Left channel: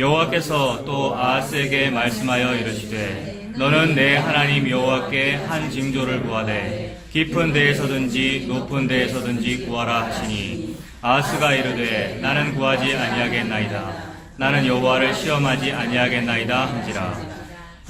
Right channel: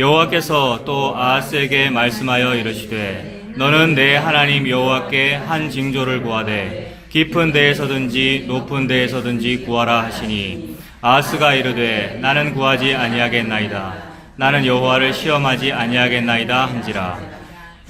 여호와께서 또 아하스에게 말씀하여 이르시되 너는 내 하나님 여호와께 한 징조를 구하되 깊은 데에서든지 높은 데에서든지 구하라 하시니 아하스가 이르되 나는 구하지 아니하겠나이다. 나는 여호와를 시험하지 아니하겠나이다 한지라.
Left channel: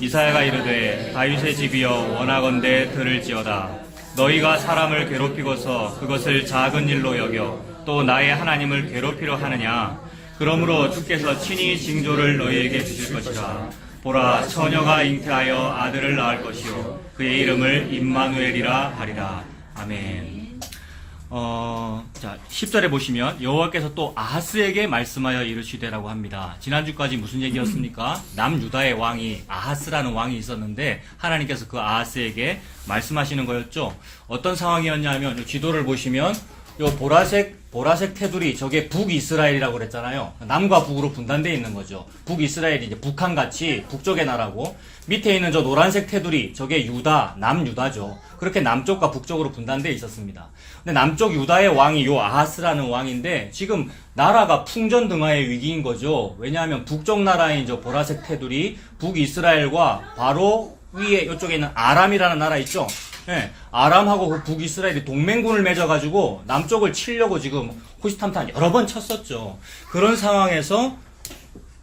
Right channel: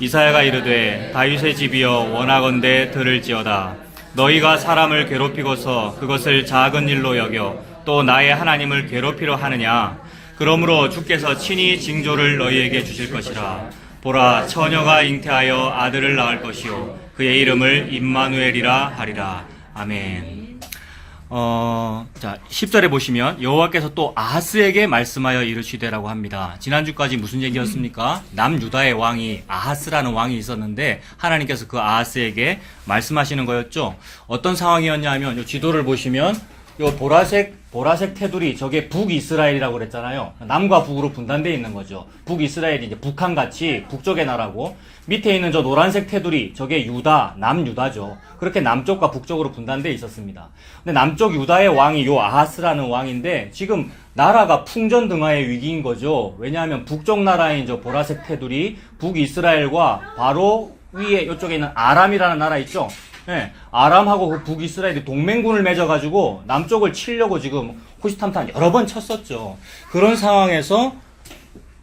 이사야가 이르되 다윗의 집이여 원하건대 들을지어다. 너희가 사람을 괴롭히고서 그것을 작은 일로 여겨 또 나의 하나님을 괴롭히려 하느냐. 그러므로 주께서 친히 징조를 너희에게 주실 것이라. 보라, 처녀가 잉태하여 아들을 낳을 것이요 그의 이름을 임마누엘이라 하리라. 아멘. 자, 10절에 보시면 여호와께서 또 아하스에게 말씀하여 이르시되라고 합니다. 지난주까지 무슨 얘기였습니까? 남유다의 왕이 아하스라는 왕이 있었는데 하나님께서 그 아하스에게 말씀하시는 거였죠. 어떤 상황이었냐면 이 지도를 보시면 요 보라색 테두리, 저게 북이스라엘이라고 그랬잖아요. 남과 북으로 분단되어 있는 거죠. 북이스라엘이 이제 북한같이 북쪽의 나라고, 밑에 있는 저 노란색 테두리, 저게 유다, 남유다죠. 그렇게 남쪽과 북쪽으로 분단되어 있었습니다. 근데 남쪽 유다의 왕이 요 아하스라는 왕인데, 지금 나라가 풍전등화의 위기인 거죠. 왜냐하면 북쪽 나라인 저 보라색 테두리, 북이스라엘과 바로 위에 이쪽에 있는 아람이라는 나라 있죠. 네, 아람하고 그 북이스라엘이 동맹군을 맺어가지고 남쪽을 치려고 지금 호시탐탐 여러 번 쳤었죠. 그런 상황에서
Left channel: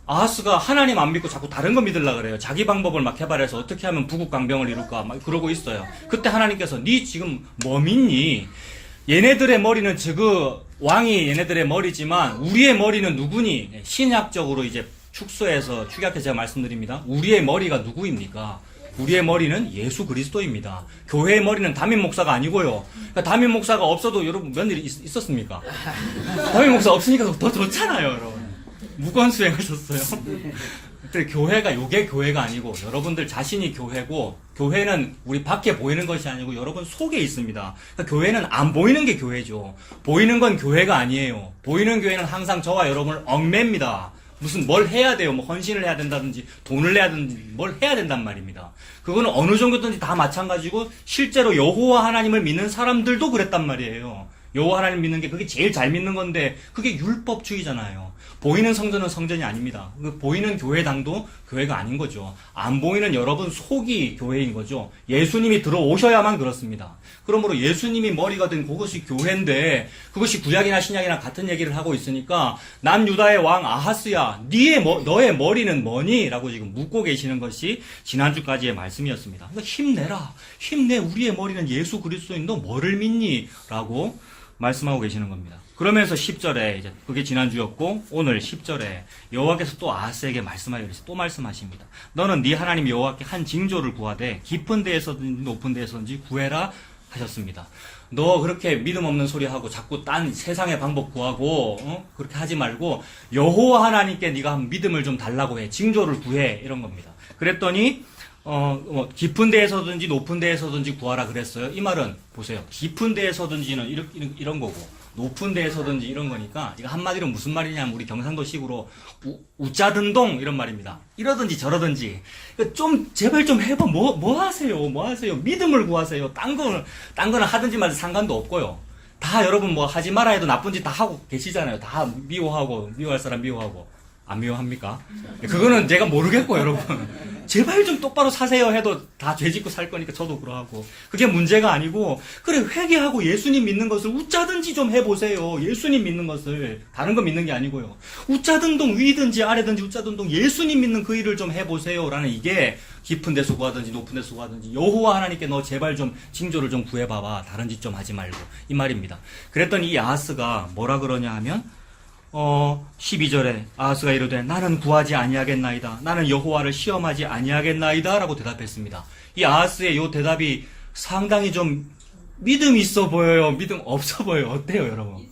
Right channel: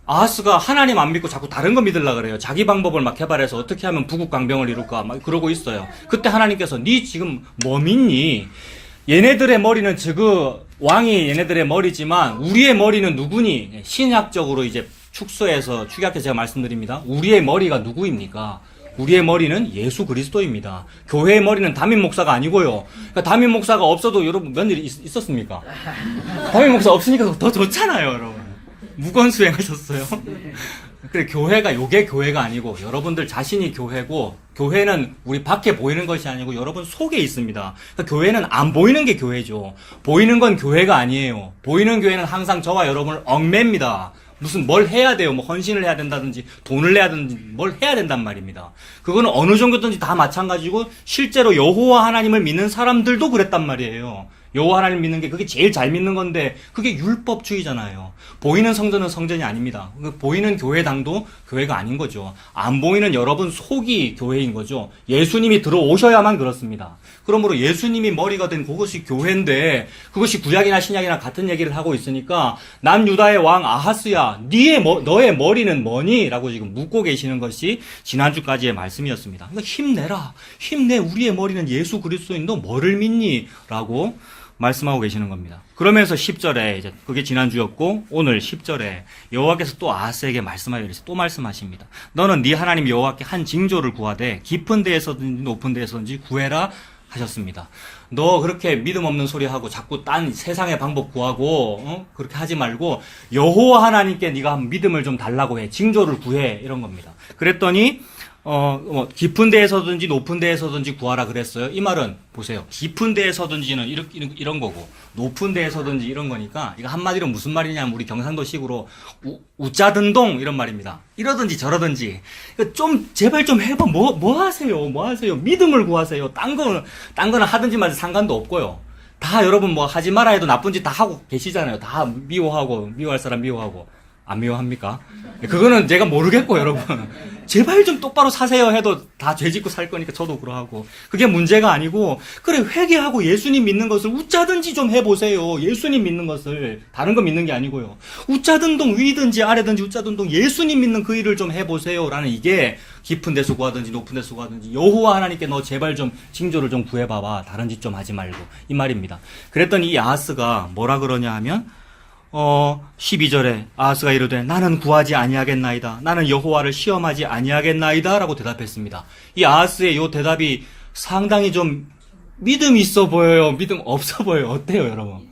아하스가 하나님 안 믿고 자꾸 다른 거 믿으려고 그래요. 자기 방법을 막 개발해서 어떻게 하면 부국강병을 이룰까 막 그러고 있어요. 그때 하나님께서 네 지금 뭐 믿니? 얘네들의 머리는 왕이 얘네들의 머리지만 우리의 머리는 누구니? 신약적으로 이제 축소해서 축약해서 제가 말씀드립니다. 우리의 머리가 누구입니까? 우리의 머리는 예수 그리스도입니다. 교회의 머리는 담임 목사가 아니고요. 그러니까 담임 목사가 없어도 여러분 몇 일 있었습니까? 담임 목사 없으니까 더 좋잖아요, 여러분. 무건수행하셨어요. 그래, 교회가 요게 교회가 아니고 여러분들 자신이 교회고, 교회는 우리 밖에 보이는 것이 아니고 여러분 속에 있습니다. 그러니까 교회는 안 보이는 게 교회죠. 보이는 건 교회가 아니에요. 보이는 교회는 항상 저와 여러분을 얽매입니다. 무슨 뭘 해야 돼요. 뭐 헌신을 해야 된다든지 돈을 내야 되든지 뭘 해야 된단 말입니다. 그거는 어느 정도든지 다 마찬가지고 실제로 여호와 하나님을 믿는 사람들도 그랬단 말이에요. 여호와 하나님 믿는 게 그게 제일 잘 믿는 건데 그게 율법주의잖아요. 보이는 성전은 성전이 아닙니다. 보이는 교회당도 교회가 아닌 거죠. 안 보이는 여러분 속이 교회인 거죠. 예수님이 들어오셔야만 그렇습니다. 그러므로 예수님이 머리가 된 그것이 교회인데 그것이 구약이나 신약이나 같은 얘기를 하고 있으니까 남유다의 왕 아하스야 너의 머리는 뭐니? 라고 지금 묻고 계시는 것이 지난주까지의 말씀이었습니다. 그러니까 힘내라. 힘내. 우리의 머리는 예수 그리스도인 너 뭐를 믿니? 라고 말씀하고 계시는 겁니다. 그러면서 10절에 이제 그게 지난주였고 오늘 10절에 여호와께서 또 아하스에게 말씀하여 이르시되 또 말씀하십니다. 너는 네 하나님 여호와께 한 징조를 구하되 깊은 데에서든지 높은 데에서든지 구해라 하셨습니다. 너 그렇게 믿음 없는 소리 하고 자꾸 딴 세상의 방법 구하고 그렇게 하지 말고 여호와 하나님께 네가 믿음을 좀 달라고 해. 징조를 구해. 이런 겁니다. 그랬더니 깊은 데에서든지 높은 데에서든지 구하라 그랬어요. 이 말은 보세요. 깊은 데에서든지는 이런 거고 높은 데에서든지 이런 거니까 이거 한마디로 무슨 말이냐면 우리 경상도식으로 우짜든동 이런 말입니다. 이러든지 저러든지 좀 제발 좀 해봐. 뭐 하세요? 믿음을 구하세요. 딴 거는 하든지 말든지 상관도 없고요. 다 여러분 뭐 하지 말아 해도 나쁜 짓 다 하고 계시잖아요. 다 미워할 사람 미워하고. 안 미워합니까? 그거는 제가 모르겠고 여러분 제발 좀 똑바로 사세요 해도 다 죄짓고 살 거니까 저도 그러하고 그게 문제가 아니고 그래 회개하고 예수님 믿는 것을 웃자든지 좀 해보세요. 예수님 믿는 것을 다른 거 믿는 게 아니고요. 웃자든동 위든지 아래든지 웃자든동 예수님 믿는 그 일을 좀 해보세요 라는 이게 깊은 데서 구하든지 높은 데서 구하든지 여호와 하나님께 너 제발 좀 징조를 좀 구해봐봐. 다른 짓 좀 하지 말고 이 말입니다. 그랬더니 이 아하스가 뭐라 그러냐 하면 12절에 아하스가 이르되 나는 구하지 아니하겠나이다. 나는 여호와를 시험하지 아니하겠나이다 라고 대답했습니다. 이 아하스의 이 대답이 상당히 좀 믿음 있어 보여요? 믿음 없어 보여요? 어때요 여러분?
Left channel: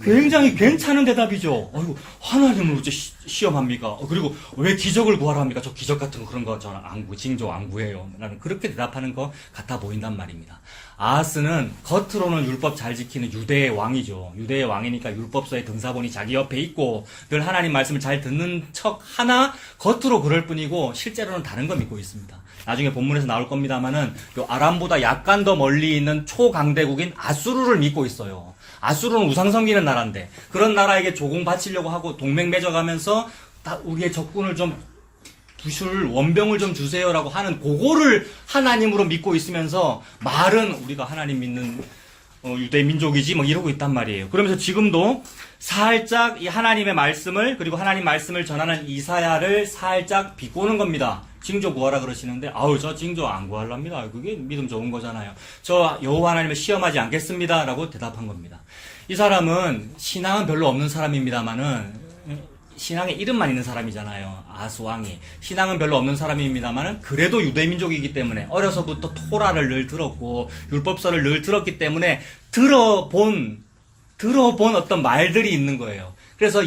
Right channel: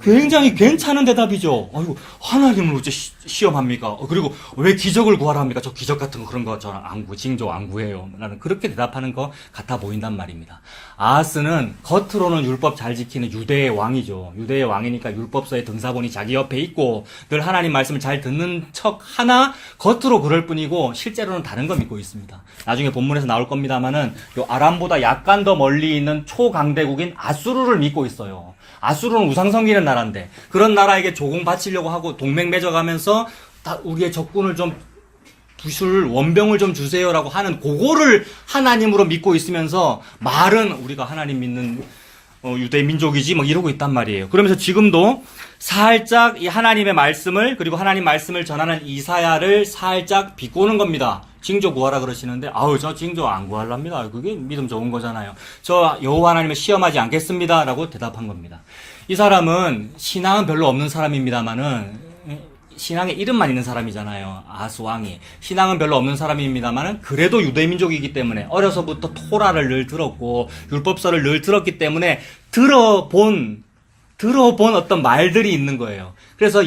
굉장히 괜찮은 대답이죠. 아이고 하나님을 어째 시험합니까? 그리고 왜 기적을 구하라 합니까? 저 기적 같은 거 그런 거 저 징조 안 구해요. 나는 그렇게 대답하는 거 같아 보인단 말입니다. 아하스는 겉으로는 율법 잘 지키는 유대의 왕이죠. 유대의 왕이니까 율법서의 등사본이 자기 옆에 있고 늘 하나님 말씀을 잘 듣는 척 하나 겉으로 그럴 뿐이고 실제로는 다른 거 믿고 있습니다. 나중에 본문에서 나올 겁니다만은 요 아람보다 약간 더 멀리 있는 초강대국인 아수르를 믿고 있어요. 아수르는 우상 섬기는 나라인데 그런 나라에게 조공 바치려고 하고 동맹 맺어가면서 우리의 적군을 좀 부술 원병을 좀 주세요라고 하는 그거를 하나님으로 믿고 있으면서 말은 우리가 하나님 믿는 유대 민족이지 뭐 이러고 있단 말이에요. 그러면서 지금도 살짝 이 하나님의 말씀을 그리고 하나님 말씀을 전하는 이사야를 살짝 비꼬는 겁니다. 징조 구하라 그러시는데 저 징조 안 구하랍니다. 그게 믿음 좋은 거잖아요. 저 여호와 하나님을 시험하지 않겠습니다라고 대답한 겁니다. 이 사람은 신앙은 별로 없는 사람입니다만은 신앙에 이름만 있는 사람이잖아요. 아하스 왕이. 신앙은 별로 없는 사람입니다만 그래도 유대민족이기 때문에 어려서부터 토라를 늘 들었고 율법서를 늘 들었기 때문에 들어본 어떤 말들이 있는 거예요. 그래서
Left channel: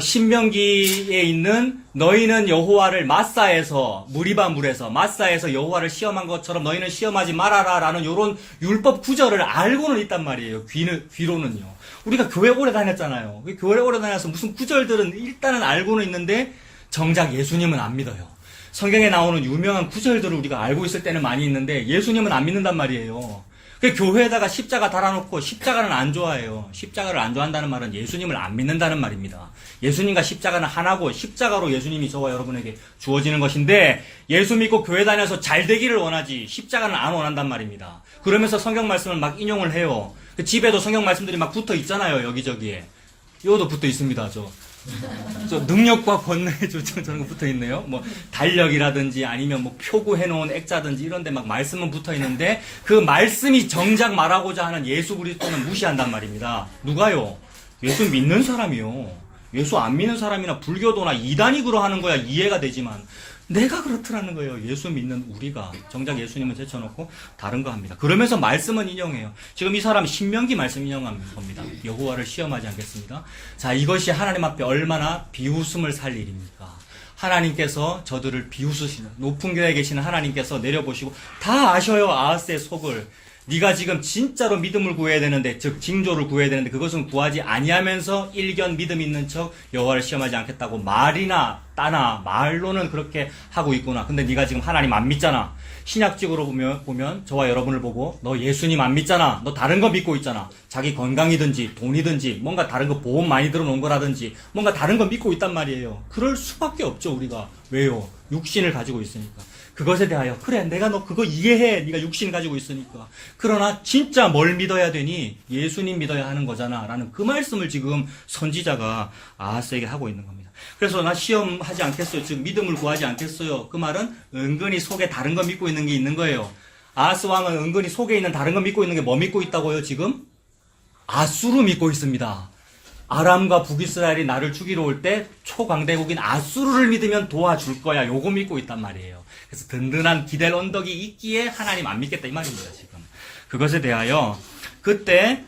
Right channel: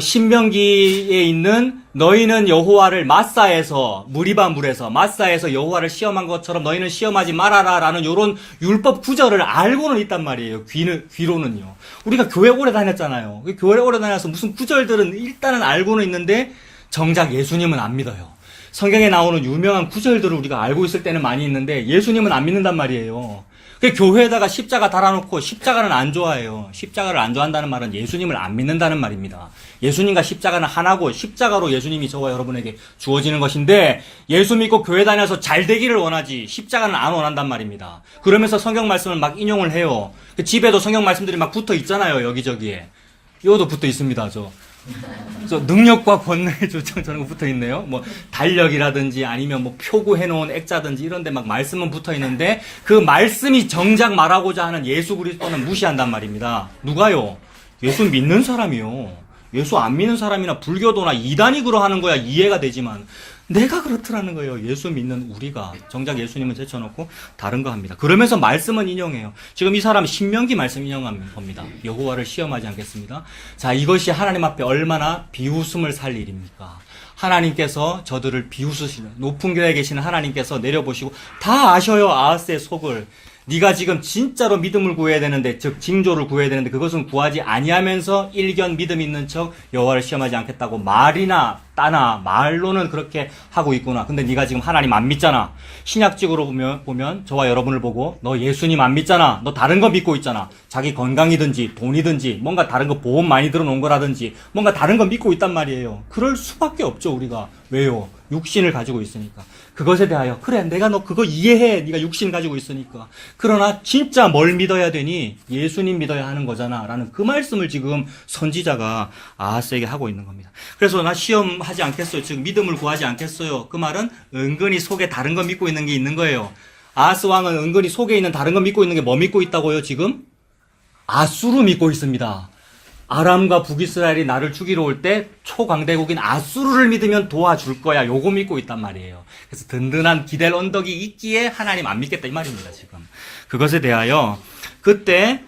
신명기에 있는 너희는 여호와를 마사에서 무리바물에서 마사에서 여호와를 시험한 것처럼 너희는 시험하지 말아라라는 이런 율법 구절을 알고는 있단 말이에요. 귀로는요. 우리가 교회 오래 다녔잖아요. 교회 오래 다녀서 무슨 구절들은 일단은 알고는 있는데 정작 예수님은 안 믿어요. 성경에 나오는 유명한 구절들을 우리가 알고 있을 때는 많이 있는데 예수님은 안 믿는단 말이에요. 교회에다가 십자가 달아놓고 십자가는 안 좋아해요. 십자가를 안 좋아한다는 말은 예수님을 안 믿는다는 말입니다. 예수님과 십자가는 하나고 십자가로 예수님이 저와 여러분에게 주어지는 것인데 예수 믿고 교회 다녀서 잘 되기를 원하지 십자가는 안 원한단 말입니다. 그러면서 성경 말씀을 막 인용을 해요. 집에도 성경 말씀들이 막 붙어 있잖아요. 여기저기에. 이것도 붙어 있습니다. 저 능력과 권능의 조청 저런 거 붙어 있네요. 뭐 달력이라든지 아니면 뭐 표구해 놓은 액자든지 이런 데 막 말씀은 붙어 있는데 그 말씀이 정작 말하고자 하는 예수 그리스도는 무시한단 말입니다. 누가요? 예수 믿는 사람이요. 예수 안 믿는 사람이나 불교도나 이단이 그러하는 거야 이해가 되지만 내가 그렇더라는 거예요. 예수 믿는 우리가. 정작 예수님은 제쳐놓고 다른 거 합니다. 그러면서 말씀은 인용해요. 지금 이 사람 신명기 말씀 인용한 겁니다. 여호와를 시험하지 않겠습니다. 자, 이것이 하나님 앞에 얼마나 비웃음을 살 일입니까? 하나님께서 저들을 비웃으시는 높은 교회에 계시는 하나님께서 내려보시고 다 아셔요. 아하스의 속을. 네가 지금 진짜로 믿음을 구해야 되는데 즉 징조를 구해야 되는데 그것은 구하지 아니하면서 일견 믿음 있는 척 여호와를 시험하지 않겠다고 말이나 따나 말로는 그렇게 하고 있구나. 근데 네가 지금 하나님 안 믿잖아. 신약적으로 보면 저와 여러분을 보고 너 예수님 안 믿잖아. 너 다른 거 믿고 있잖아. 자기 건강이든지 돈이든지 뭔가 다른 거 보험 많이 들어놓은 거라든지 뭔가 다른 거 믿고 있단 말이에요. 그럴 수밖에 없죠 우리가. 왜요? 육신을 가지고 있으니까. 그것에 대하여 그래 내가 너 그거 이해해. 네가 육신 가지고 있으니까. 그러나 진짜 뭘 믿어야 되니? 예수님 믿어야 하는 거잖아 라는 그 말씀을 지금 선지자가 아하스에게 하고 있는 겁니다. 그래서 나 시험하지 않겠어요. 즉 믿음을 구하지 않겠어요. 그 말은 은근히 속에 다른 거 믿고 있는 게 있는 거예요. 아하스 왕은 은근히 속에 있는 다른 거 믿고 있는 게 뭐 믿고 있다고요 지금? 아수르 믿고 있습니다. 아람과 북이스라엘이 나를 죽이러 올 때 초강대국인 아수르를 믿으면 도와줄 거야. 요거 믿고 있단 말이에요. 그래서 든든한 기댈 언덕이 있기에 하나님 안 믿겠다 이 말입니다. 지금 그것에 대하여 그때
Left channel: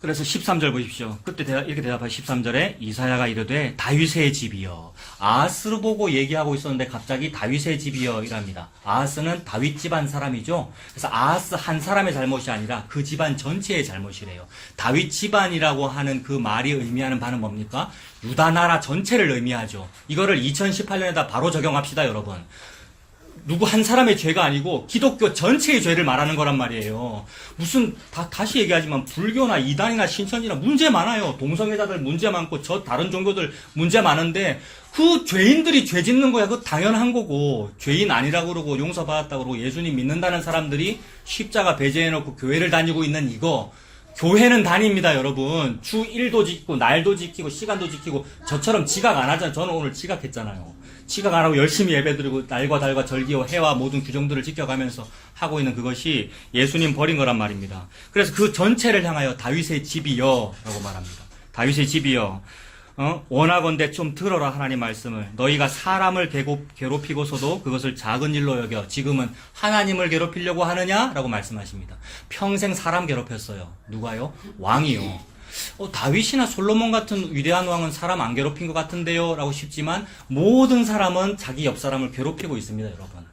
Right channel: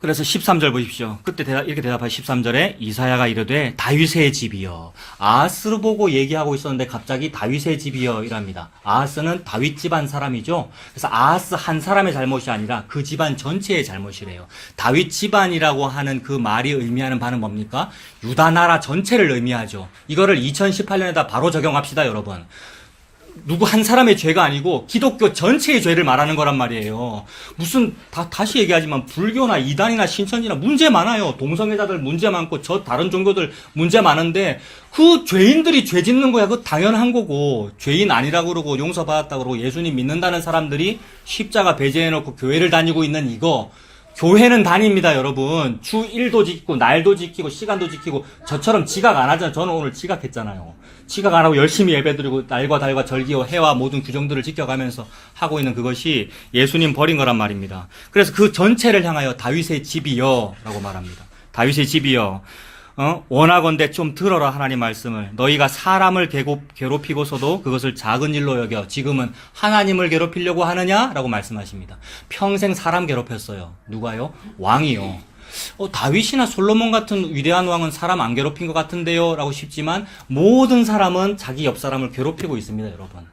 그래서 13절 보십시오. 그때 이렇게 대답하여 13절에 이사야가 이르되 다윗의 집이여. 아하스를 보고 얘기하고 있었는데 갑자기 다윗의 집이여 이랍니다. 아하스는 다윗 집안 사람이죠. 그래서 아하스 한 사람의 잘못이 아니라 그 집안 전체의 잘못이래요. 다윗 집안이라고 하는 그 말이 의미하는 바는 뭡니까? 유다 나라 전체를 의미하죠. 이거를 2018년에다 바로 적용합시다 여러분. 누구 한 사람의 죄가 아니고 기독교 전체의 죄를 말하는 거란 말이에요. 무슨 다시 얘기하지만 불교나 이단이나 신천지나 문제 많아요. 동성애자들 문제 많고 저 다른 종교들 문제 많은데 그 죄인들이 죄 짓는 거야. 그거 당연한 거고 죄인 아니라고 그러고 용서받았다고 그러고 예수님 믿는다는 사람들이 십자가 배제해놓고 교회를 다니고 있는 이거 교회는 다닙니다 여러분. 주 1도 지키고 날도 지키고 시간도 지키고 저처럼 지각 안 하잖아요. 저는 오늘 지각했잖아요. 지각 안 하고 열심히 예배드리고 날과 달과 절기와 해와 모든 규정들을 지켜가면서 하고 있는 그것이 예수님 버린 거란 말입니다. 그래서 그 전체를 향하여 다윗의 집이여 라고 말합니다. 다윗의 집이여. 원하건대 좀 들어라 하나님 말씀을. 너희가 사람을 괴롭히고서도 그것을 작은 일로 여겨 지금은 하나님을 괴롭히려고 하느냐라고 말씀하십니다. 평생 사람 괴롭혔어요. 누가요? 왕이요. 다윗이나 솔로몬 같은 위대한 왕은 사람 안 괴롭힌 것 같은데요 라고 싶지만 모든 사람은 자기 옆 사람을 괴롭히고 있습니다 여러분.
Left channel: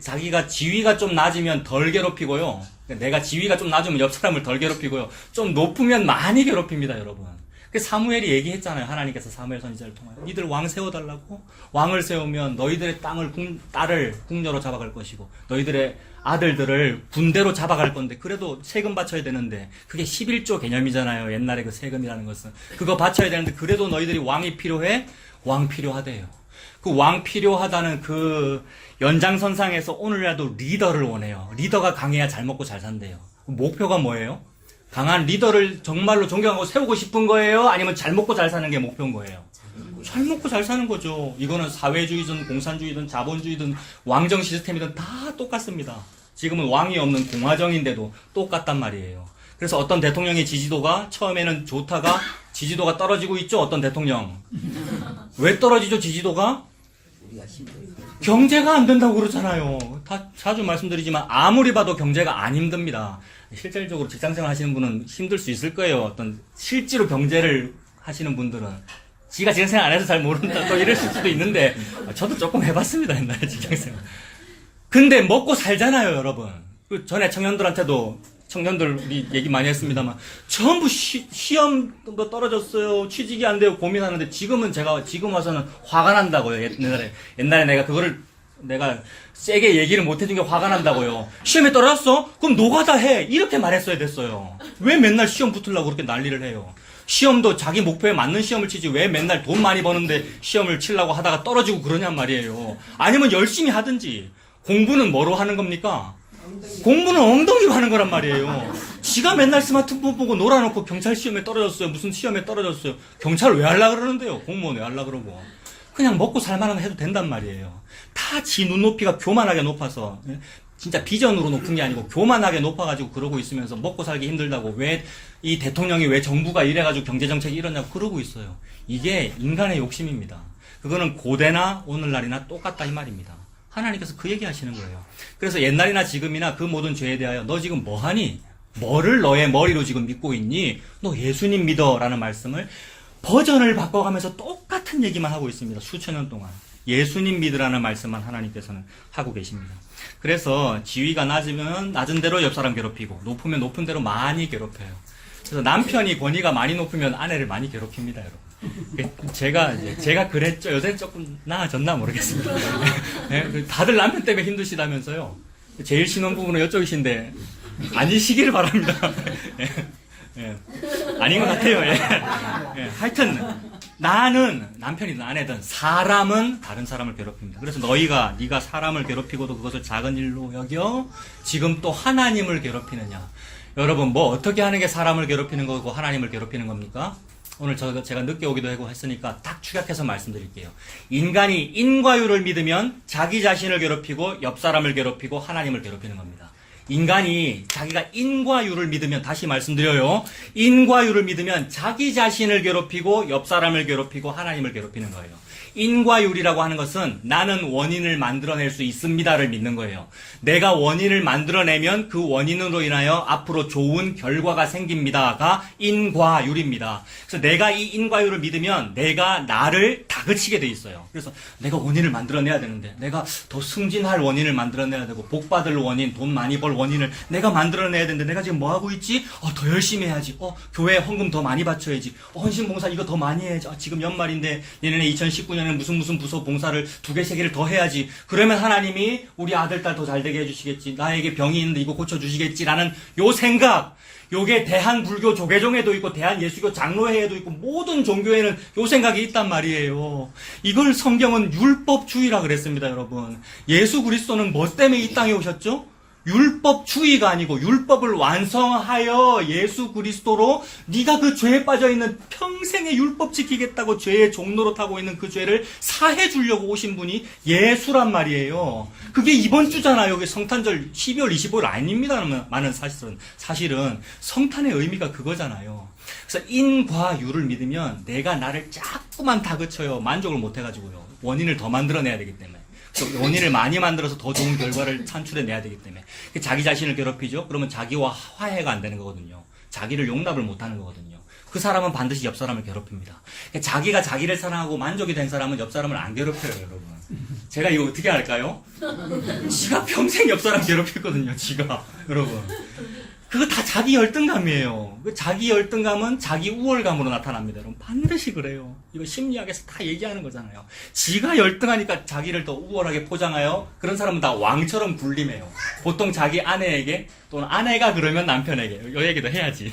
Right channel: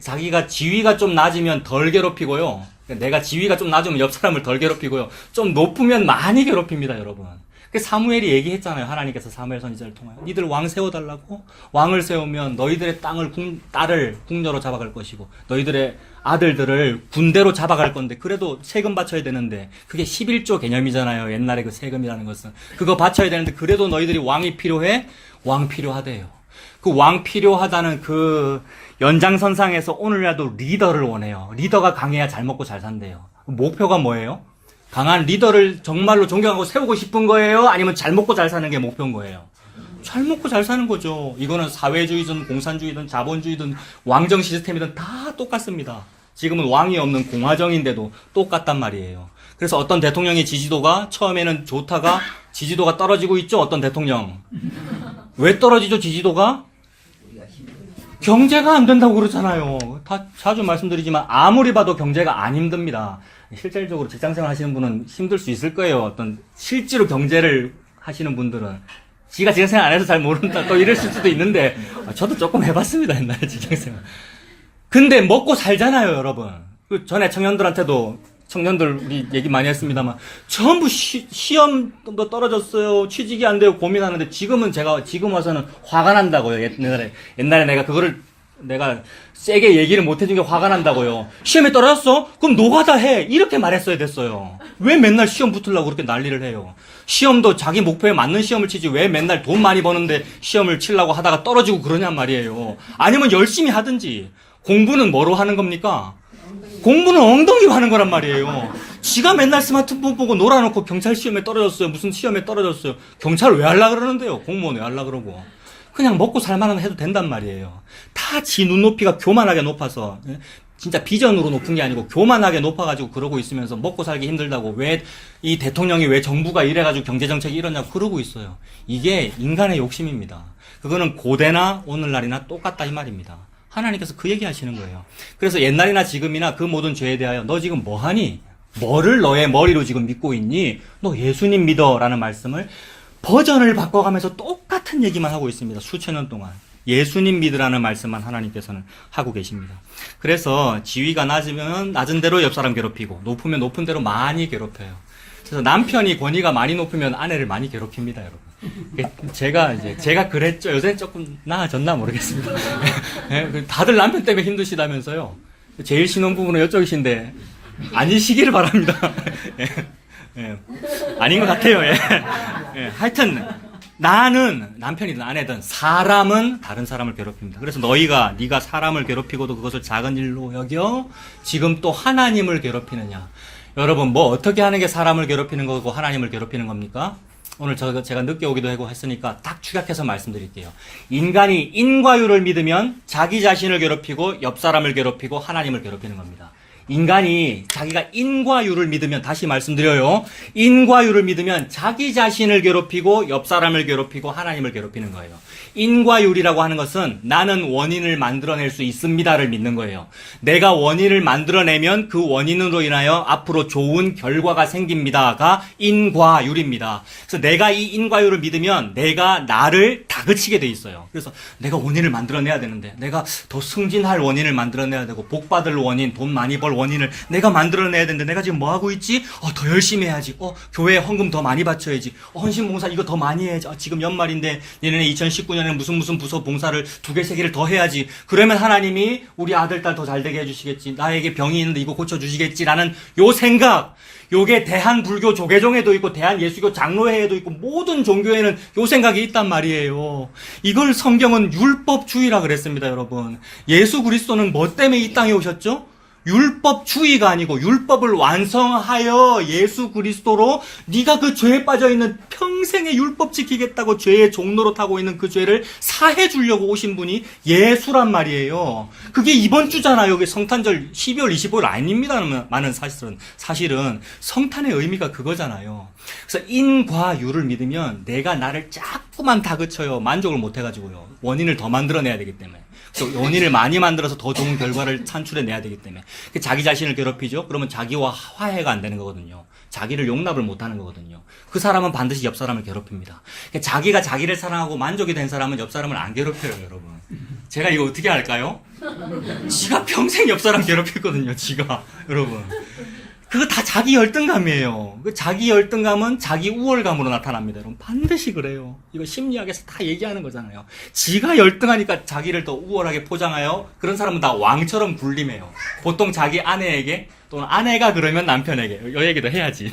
자기가 지위가 좀 낮으면 덜 괴롭히고요. 내가 지위가 좀 낮으면 옆 사람을 덜 괴롭히고요. 좀 높으면 많이 괴롭힙니다 여러분. 사무엘이 얘기했잖아요. 하나님께서 사무엘 선지자를 통하여 니들 왕 세워달라고. 왕을 세우면 너희들의 딸을 궁녀로 잡아갈 것이고 너희들의 아들들을 군대로 잡아갈 건데 그래도 세금 바쳐야 되는데 그게 11조 개념이잖아요. 옛날에 그 세금이라는 것은 그거 바쳐야 되는데 그래도 너희들이 왕이 필요해. 왕 필요하대요. 그 왕 필요하다는 그 연장선상에서 오늘이라도 리더를 원해요. 리더가 강해야 잘 먹고 잘 산대요. 목표가 뭐예요? 강한 리더를 정말로 존경하고 세우고 싶은 거예요? 아니면 잘 먹고 잘 사는 게 목표인 거예요? 잘 먹고 잘 사는 거죠. 이거는 사회주의든 공산주의든 자본주의든 왕정 시스템이든 다 똑같습니다. 지금은 왕이 없는 공화정인데도 똑같단 말이에요. 그래서 어떤 대통령의 지지도가 처음에는 좋다가 지지도가 떨어지고 있죠. 어떤 대통령. 왜 떨어지죠, 지지도가? 경제가 안 된다고 그러잖아요. 다 자주 말씀드리지만 아무리 봐도 경제가 안 힘듭니다. 실질적으로 직장생활 하시는 분은 힘들 수 있을 거예요. 어떤 실제로 경제를 하시는 분들은 지가 직장생활 안 해서 잘 모른다 또 이럴 수도 있는데 저도 조금 해봤습니다. 옛날에 직장생활. 근데 먹고 살잖아요, 여러분. 그 전에 청년들 우리 얘기 많이 했습니다만 전부 시험도 떨어졌어요. 취직이 안 돼요. 고민하는데 지금 와서는 화가 난다고요. 옛날에 내가 세게 얘기를 못 해준 게 화가 난다고요. 시험에 떨어졌어? 그럼 노가다 해. 이렇게 말했어야 됐어요. 왜 맨날 시험 붙으려고 그렇게 난리를 해요? 시험도 자기 목표에 맞는 시험을 치지 왜 맨날 돈 많이 버는데 시험을 치려고 하다가 떨어지고 그러냔 말이에요. 아니면 열심히 하든지. 공부는 뭐로 하는 겁니까? 공부는 엉덩이로 하는 거란 말이에요. 지가 맨날 스마트폰 보고 놀아놓고 경찰 시험에 떨어졌어요. 무슨 시험에 떨어졌어요. 경찰 왜 하려고 그러는데요? 공무원 왜 하려고 그러고. 그냥 먹고 살만하면 해도 된단 말이에요. 다 지 눈높이가 교만하게 높아서 진짜 비전으로 높은 게 아니고 교만하게 높아가지고 그러고 있으면서 먹고 살기 힘들다고 왜 이 대통령이 왜 정부가 이래가지고 경제정책이 이러냐고 그러고 있어요. 이게 인간의 욕심입니다. 그거는 고대나 오늘날이나 똑같다 이 말입니다. 하나님께서 그 얘기 하시는 거예요. 그래서 옛날이나 지금이나 그 모든 죄에 대하여 너 지금 뭐하니? 뭐를 너의 머리로 지금 믿고 있니? 너 예수님 믿어 라는 말씀을 버전을 바꿔가면서 똑같은 얘기만 하고 있습니다. 수천 년 동안. 예수님 믿으라는 말씀만 하나님께서는 하고 계십니다. 그래서 지위가 낮으면 낮은 대로 옆 사람 괴롭히고 높으면 높은 대로 많이 괴롭혀요. 그래서 남편이 권위가 많이 높으면 아내를 많이 괴롭힙니다, 여러분. 제가 그랬죠. 요새 조금 나아졌나 모르겠습니다. 다들 남편 때문에 힘드시다면서요. 제일 신혼부부는 이쪽이신데 아니시기를 바랍니다. 아닌 것 같아요. 하여튼 나는 남편이든 아내든 사람은 다른 사람을 괴롭힙니다. 그래서 네가 사람을 괴롭히고도 그것을 작은 일로 여겨 지금 또 하나님을 괴롭히느냐. 여러분 뭐 어떻게 하는 게 사람을 괴롭히는 거고 하나님을 괴롭히는 겁니까? 오늘 제가 늦게 오기도 하고 했으니까 딱 축약해서 말씀드릴게요. 인간이 인과율을 믿으면 자기 자신을 괴롭히고 옆 사람을 괴롭히고 하나님을 괴롭히는 겁니다. 인간이 자기가 인과율을 믿으면 다시 말씀드려요. 인과율을 믿으면 자기 자신을 괴롭히고 옆 사람을 괴롭히고 하나님을 괴롭히는 거예요. 인과율이라고 하는 것은 나는 원인을 만들어낼 수 있습니다를 믿는 거예요. 내가 원인을 만들어내면 그 원인으로 인하여 앞으로 좋은 결과가 생깁니다가 인과율입니다. 그래서 내가 이 인과율을 믿으면 내가 나를 다그치게 돼 있어요. 그래서 내가 원인을 만들어내야 되는데 내가 더 승진할 원인을 만들어내야 되고 복받을 원인, 돈 많이 벌 원인을 내가 만들어내야 되는데 내가 지금 뭐 하고 있지? 더 열심히 해야지. 교회 헌금 더 많이 바쳐야지. 헌신봉사 이거 더 많이 해야지. 지금 연말인데 내년에 2019년에 무슨 부서 봉사를 2개, 3개를 더 해야지. 그러면 하나님이 우리 아들, 딸 더 잘되게 해주시겠지. 나에게 병이 있는데 이거 고쳐주시겠지라는 요 생각. 요게 대한불교 조계종에도 있고 대한예수교 장로회에도 있고 모든 종교에는 요 생각이 있단 말이에요. 이걸 성경은 율법주의라 그랬습니다, 여러분. 예수 그리스도는 뭐 때문에 이 땅에 오셨죠? 율법주의가 아니고 율법을 완성하여 예수 그리스도로 네가 그 죄에 빠져있는 평생의 율법 지키겠다고 죄의 종로로 타고 있는 그 죄를 사해 주려고 오신 분이 예수란 말이에요. 그게 이번 주잖아요. 여기 성탄절 12월 25일 아닙니다만은 사실은 성탄의 의미가 그거잖아요. 그래서 인과율을 믿으면 내가 나를 자꾸만 다그쳐요. 만족을 못 해가지고요. 원인을 더 만들어내야 되기 때문에. 원인을 많이 만들어서 더 좋은 결과를 산출해내야 되기 때문에 자기 자신을 괴롭히죠. 그러면 자기와 화해가 안 되는 거거든요. 자기를 용납을 못하는 거거든요. 그 사람은 반드시 옆 사람을 괴롭힙니다. 자기가 자기를 사랑하고 만족이 된 사람은 옆 사람을 안 괴롭혀요, 여러분. 제가 이거 어떻게 할까요? 지가 평생 옆 사람 괴롭혔거든요, 지가. 여러분. 그거 다 자기 열등감이에요. 그 자기 열등감은 자기 우월감으로 나타납니다. 여러분 반드시 그래요. 이거 심리학에서 다 얘기하는 거잖아요. 지가 열등하니까 자기를 더 우월하게 포장하여 그런 사람은 다 왕처럼 군림해요. 보통 자기 아내에게 또는 아내가 그러면 남편에게 이 얘기도 해야지.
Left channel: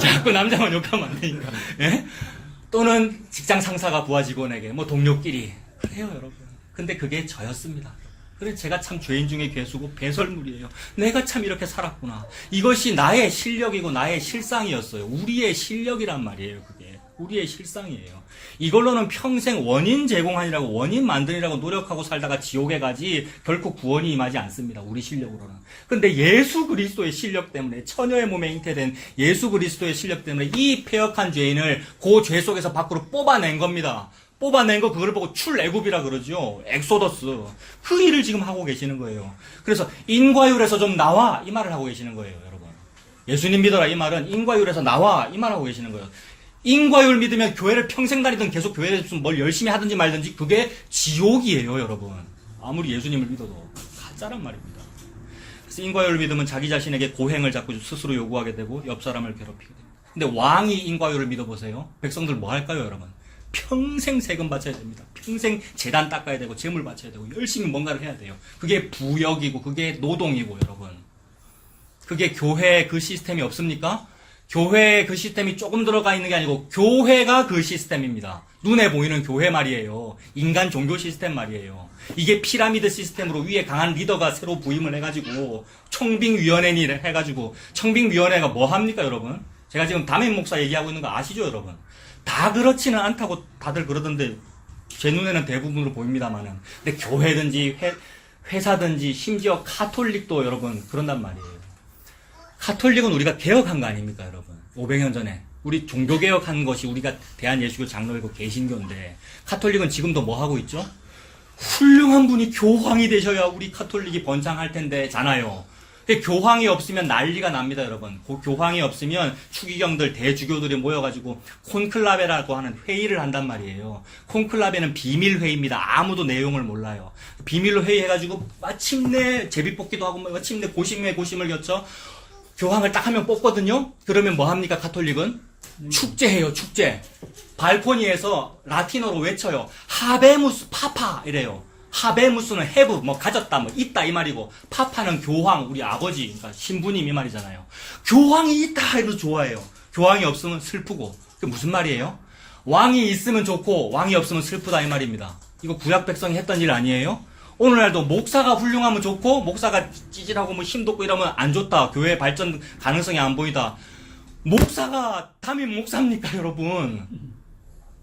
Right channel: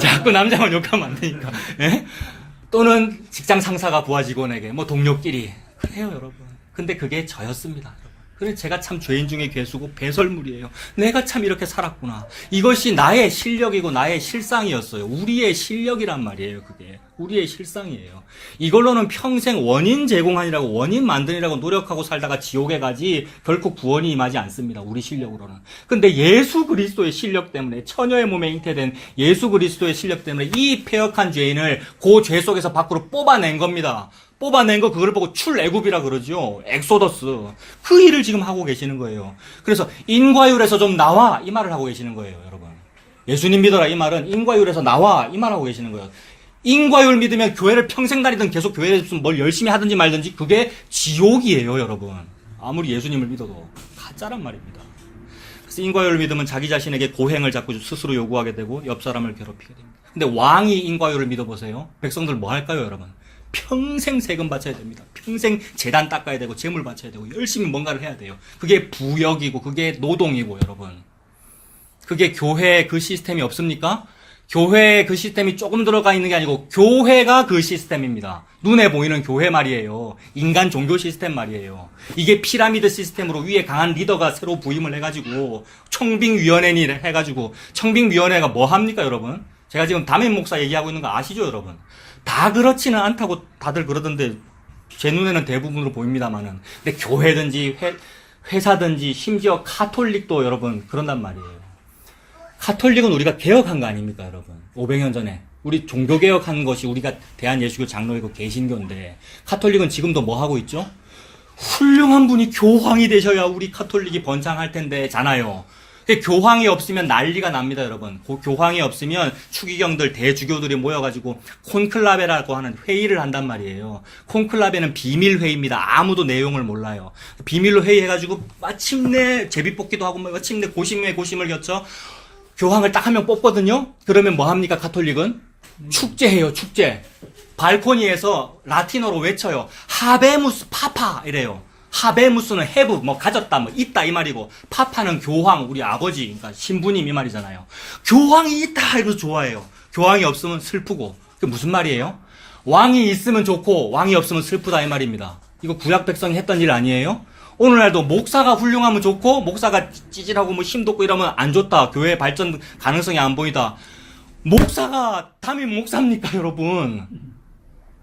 자꾸 남자만 욕하면 안 되니까. 예? 또는 직장 상사가 부하 직원에게, 뭐 동료끼리. 그래요, 여러분. 근데 그게 저였습니다. 그래서 제가 참 죄인 중에 괴수고 배설물이에요. 내가 참 이렇게 살았구나. 이것이 나의 실력이고 나의 실상이었어요. 우리의 실력이란 말이에요, 그게. 우리의 실상이에요. 이걸로는 평생 원인 제공하느라고, 원인 만드느라고 노력하고 살다가 지옥에 가지 결코 구원이 임하지 않습니다. 우리 실력으로는. 근데 예수 그리스도의 실력 때문에, 처녀의 몸에 잉태된 예수 그리스도의 실력 때문에 이 패역한 죄인을 그 죄 속에서 밖으로 뽑아낸 겁니다. 뽑아낸 거 그걸 보고 출애굽이라 그러죠. 엑소더스. 그 일을 지금 하고 계시는 거예요. 그래서 인과율에서 좀 나와 이 말을 하고 계시는 거예요, 여러분. 예수님 믿어라 이 말은 인과율에서 나와 이 말을 하고 계시는 거예요. 인과율 믿으면 교회를 평생 다니든 계속 교회에서 뭘 열심히 하든지 말든지 그게 지옥이에요, 여러분. 아무리 예수님을 믿어도 가짜란 말입니다. 그래서 인과율을 믿으면 자기 자신에게 고행을 자꾸 스스로 요구하게 되고 옆 사람을 괴롭히게 됩니다. 근데 왕이 인과율을 믿어보세요. 백성들 뭐 할까요, 여러분? 평생 세금 바쳐야 됩니다. 평생 재단 닦아야 되고 재물 바쳐야 되고 열심히 뭔가를 해야 돼요. 그게 부역이고 그게 노동이고 여러분. 그게 교회 그 시스템이 없습니까? 교회에 그 시스템이 조금 들어가 있는 게 아니고 교회가 그 시스템입니다. 눈에 보이는 교회 말이에요. 인간 종교 시스템 말이에요. 이게 피라미드 시스템으로 위에 강한 리더가 새로 부임을 해가지고 청빙위원회를 해가지고 청빙위원회가 뭐 합니까 여러분? 제가 지금 담임 목사 얘기하고 있는 거 아시죠 여러분? 다 그렇지는 않다고 다들 그러던데 제 눈에는 대부분으로 보입니다만은 근데 교회든지 회사든지 심지어 카톨릭도 여러분 그런단 말이에요. 카톨릭은 우리가 개혁한 거 아닙니까 여러분? 500년 전에 우리 종교개혁한 것이 우리가 대한예수교 장로이고 개신교인데 카톨릭은 지금도 뭐 하고 있죠? 훌륭한 분이 교황이 되셔야 우리 카톨릭이 번창할 텐데 잖아요. 근데 교황이 없으면 난리가 납니다, 여러분. 그 교황이 없으면 추기경들, 대주교들이 모여가지고 콘클라베라고 하는 회의를 한단 말이에요. 콘클라베는 비밀회의입니다. 아무도 내용을 몰라요. 비밀로 회의해가지고 마침내 제비뽑기도 하고 마침내 고심에 고심을 겪죠. 교황을 딱 한 명 뽑거든요. 그러면 뭐 합니까, 카톨릭은? 축제해요, 축제. 발코니에서 라틴어로 외쳐요. 하베무스 파파 이래요. 하베무스는 have, 뭐 가졌다, 뭐 있다 이 말이고 파파는 교황, 우리 아버지, 그러니까 신부님 이 말이잖아요. 교황이 있다 이러면서 좋아해요. 교황이 없으면 슬프고. 그게 무슨 말이에요? 왕이 있으면 좋고 왕이 없으면 슬프다 이 말입니다. 이거 구약 백성이 했던 일 아니에요? 오늘날도 목사가 훌륭하면 좋고 목사가 찌질하고 뭐 힘도 없고 이러면 안 좋다. 교회 발전 가능성이 안 보이다. 목사가 담임 목사입니까 여러분?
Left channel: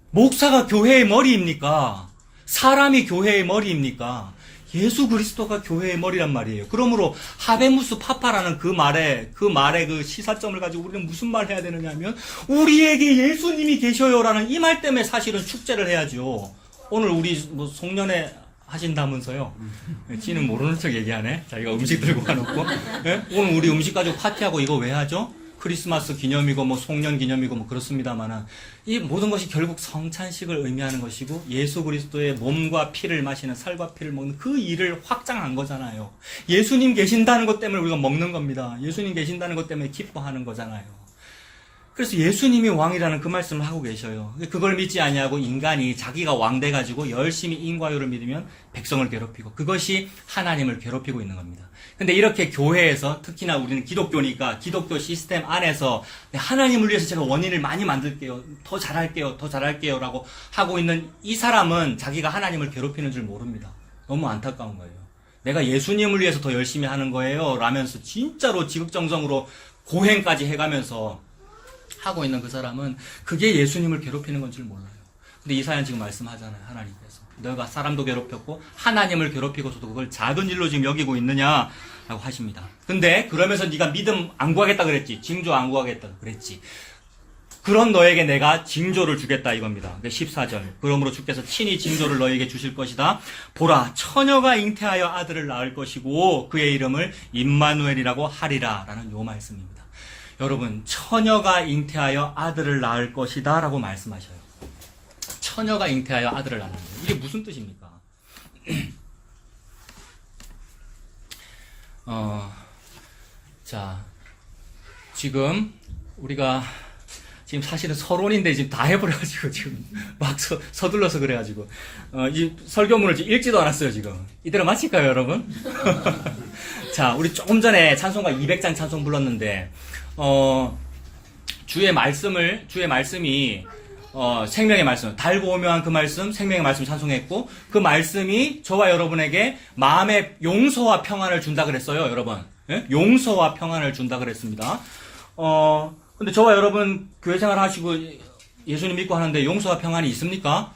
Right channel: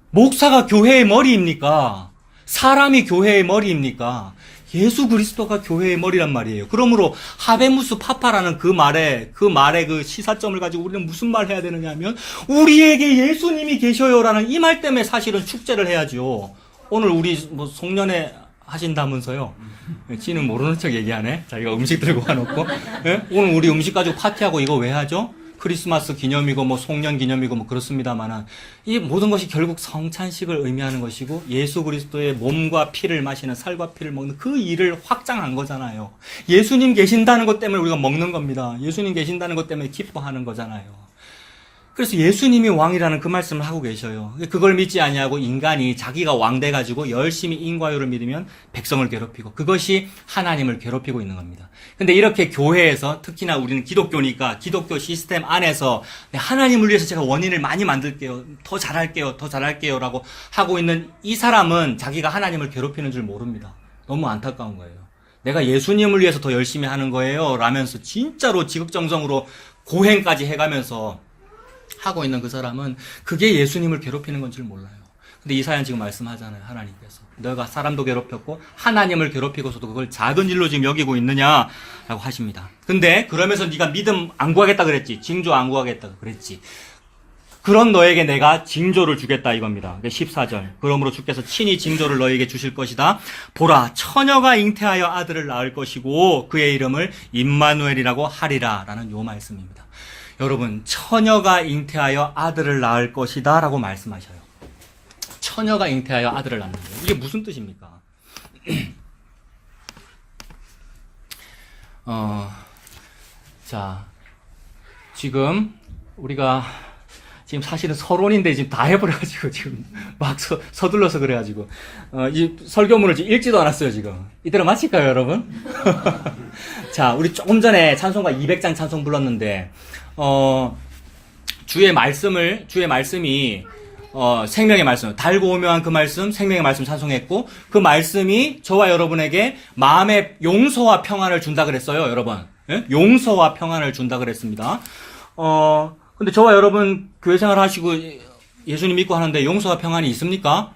목사가 교회의 머리입니까? 사람이 교회의 머리입니까? 예수 그리스도가 교회의 머리란 말이에요. 그러므로 하베무스 파파라는 그 말의 그 시사점을 가지고 우리는 무슨 말을 해야 되느냐 하면 우리에게 예수님이 계셔요라는 이 말 때문에 사실은 축제를 해야죠. 오늘 우리 뭐 송년회 하신다면서요. 지는 모르는 척 얘기하네. 자기가 음식 들고 와놓고. 예? 오늘 우리 음식 가지고 파티하고 이거 왜 하죠? 크리스마스 기념이고 뭐 송년 기념이고 뭐 그렇습니다만은 이 모든 것이 결국 성찬식을 의미하는 것이고 예수 그리스도의 몸과 피를 마시는 살과 피를 먹는 그 일을 확장한 거잖아요. 예수님 계신다는 것 때문에 우리가 먹는 겁니다. 예수님 계신다는 것 때문에 기뻐하는 거잖아요. 그래서 예수님이 왕이라는 그 말씀을 하고 계셔요. 그걸 믿지 아니하고 인간이 자기가 왕 돼가지고 열심히 인과율을 믿으면 백성을 괴롭히고 그것이 하나님을 괴롭히고 있는 겁니다. 근데 이렇게 교회에서 특히나 우리는 기독교니까 기독교 시스템 안에서 하나님을 위해서 제가 원인을 많이 만들게요. 더 잘할게요 라고 하고 있는 이 사람은 자기가 하나님을 괴롭히는 줄 모릅니다. 너무 안타까운 거예요. 내가 예수님을 위해서 더 열심히 하는 거예요 라면서 진짜로 지극정성으로 고행까지 해가면서 하고 있는 그 사람은 그게 예수님을 괴롭히는 건 줄 몰라요. 근데 이사야는 지금 말씀하잖아요. 하나님께서 너가 사람도 괴롭혔고 하나님을 괴롭히고서도 그걸 작은 일로 지금 여기고 있느냐라고 하십니다. 근데 그러면서 네가 믿음 안 구하겠다 그랬지. 징조 안 구하겠다 그랬지. 그런 너에게 내가 징조를 주겠다 이겁니다. 14절. 그러므로 주께서 친히 징조를 너에게 주실 것이다. 보라, 처녀가 잉태하여 아들을 낳을 것이고 그의 이름을 임마누엘이라고 하리라 라는 요 말씀입니다. 여러분, 처녀가 잉태하여 아들을 낳을 것이다 라고 말씀하셔요. 처녀가 잉태하여 아들을 낳는 거예요. 이게 무슨 뜻입니까? 자, 지금 우리가 지금 사실은 서론인데 지금 다 해버려가지고 지금 막 서둘러서 그래가지고 이 설교문을 지금 읽지도 않았어요 지금. 이대로 마칠까요 여러분? 자, 우리 조금 전에 찬송가 200장 찬송 불렀는데 주의 말씀이 생명의 말씀, 달고 오묘한 그 말씀, 생명의 말씀 찬송했고, 그 말씀이 저와 여러분에게 마음의 용서와 평안을 준다 그랬어요, 여러분. 예? 용서와 평안을 준다 그랬습니다. 근데 저와 여러분 교회 생활 하시고 예수님 믿고 하는데 용서와 평안이 있습니까?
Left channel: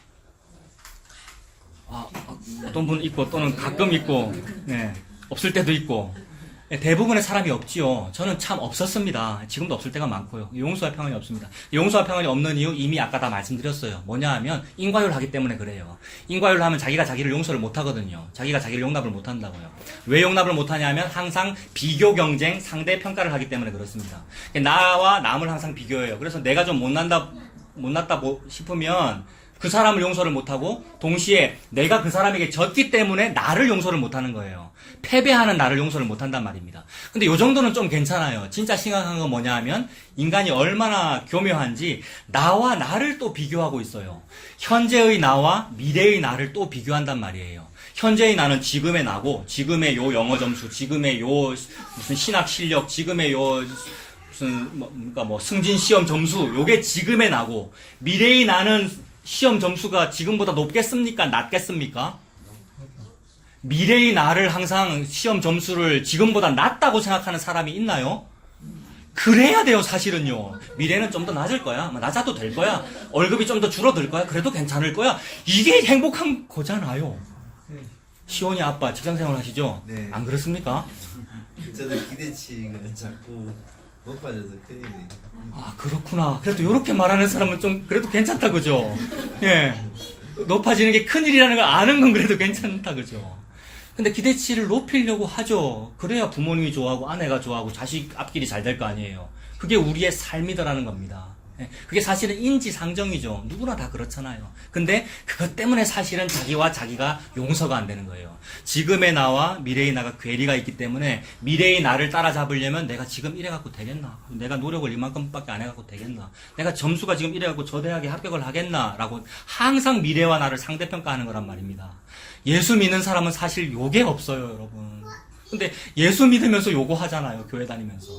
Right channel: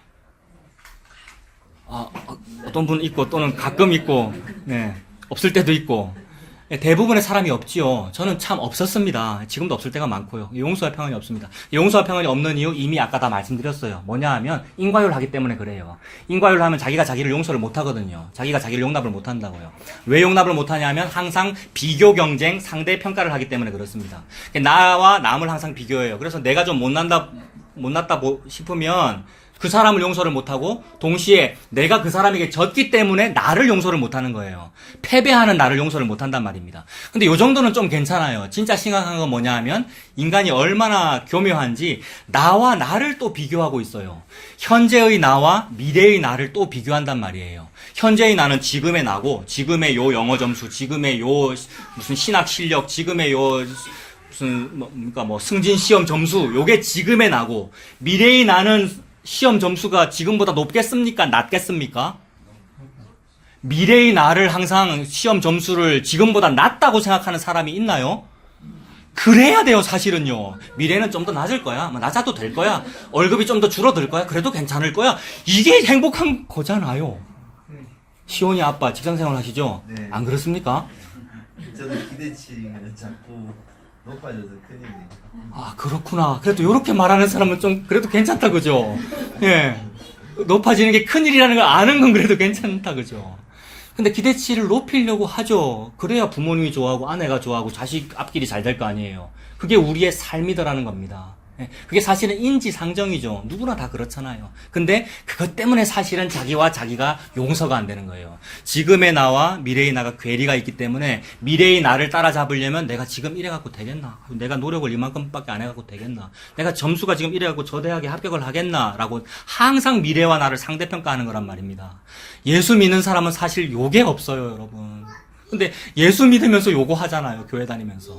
어떤 분 있고 또는 가끔 있고, 예, 없을 때도 있고. 대부분의 사람이 없지요. 저는 참 없었습니다. 지금도 없을 때가 많고요. 용서와 평안이 없습니다. 용서와 평안이 없는 이유 이미 아까 다 말씀드렸어요. 뭐냐 하면 인과율 하기 때문에 그래요. 인과율 하면 자기가 자기를 용서를 못 하거든요. 자기가 자기를 용납을 못 한다고요. 왜 용납을 못 하냐면 항상 비교 경쟁, 상대 평가를 하기 때문에 그렇습니다. 나와 남을 항상 비교해요. 그래서 내가 좀 못났다 싶으면 그 사람을 용서를 못하고 동시에 내가 그 사람에게 졌기 때문에 나를 용서를 못하는 거예요. 패배하는 나를 용서를 못한단 말입니다. 근데 요 정도는 좀 괜찮아요. 진짜 심각한 건 뭐냐 하면 인간이 얼마나 교묘한지 나와 나를 또 비교하고 있어요. 현재의 나와 미래의 나를 또 비교한단 말이에요. 현재의 나는 지금의 나고 지금의 요 영어 점수, 지금의 요 무슨 신학 실력, 지금의 요 무슨 승진 시험 점수, 요게 지금의 나고 미래의 나는 시험 점수가 지금보다 높겠습니까? 낮겠습니까? 미래의 나를 항상 시험 점수를 지금보다 낮다고 생각하는 사람이 있나요? 그래야 돼요, 사실은요. 미래는 좀 더 낮을 거야. 낮아도 될 거야. 월급이 좀 더 줄어들 거야. 그래도 괜찮을 거야. 이게 행복한 거잖아요. 시온이 아빠 직장생활 하시죠? 네. 안 그렇습니까? 저는 기대치가 자꾸 높아져서 큰일이에요. 아, 그렇구나. 그래도 이렇게 말하는 사람은 좀 그래도 괜찮다, 그죠? 예. 높아지는 게 큰일이라는 걸 아는 건 그래도 괜찮다, 그죠? 근데 기대치를 높이려고 하죠. 그래야 부모님이 좋아하고 아내가 좋아하고 자식 앞길이 잘 될 거 아니에요. 그게 우리의 삶이더라는 겁니다. 예. 그게 사실은 인지상정이죠. 누구나 다 그렇잖아요. 근데 그것 때문에 사실은 자기와 자기가 용서가 안 되는 거예요. 지금의 나와 미래의 나가 괴리가 있기 때문에 미래의 나를 따라잡으려면 내가 지금 이래갖고 되겠나? 내가 노력을 이만큼밖에 안 해갖고 되겠나? 내가 점수가 지금 이래갖고 저 대학에 합격을 하겠나? 라고 항상 미래와 나를 상대평가하는 거란 말입니다. 예수 믿는 사람은 사실 요게 없어요, 여러분. 근데 예수 믿으면서 요거 하잖아요, 교회 다니면서.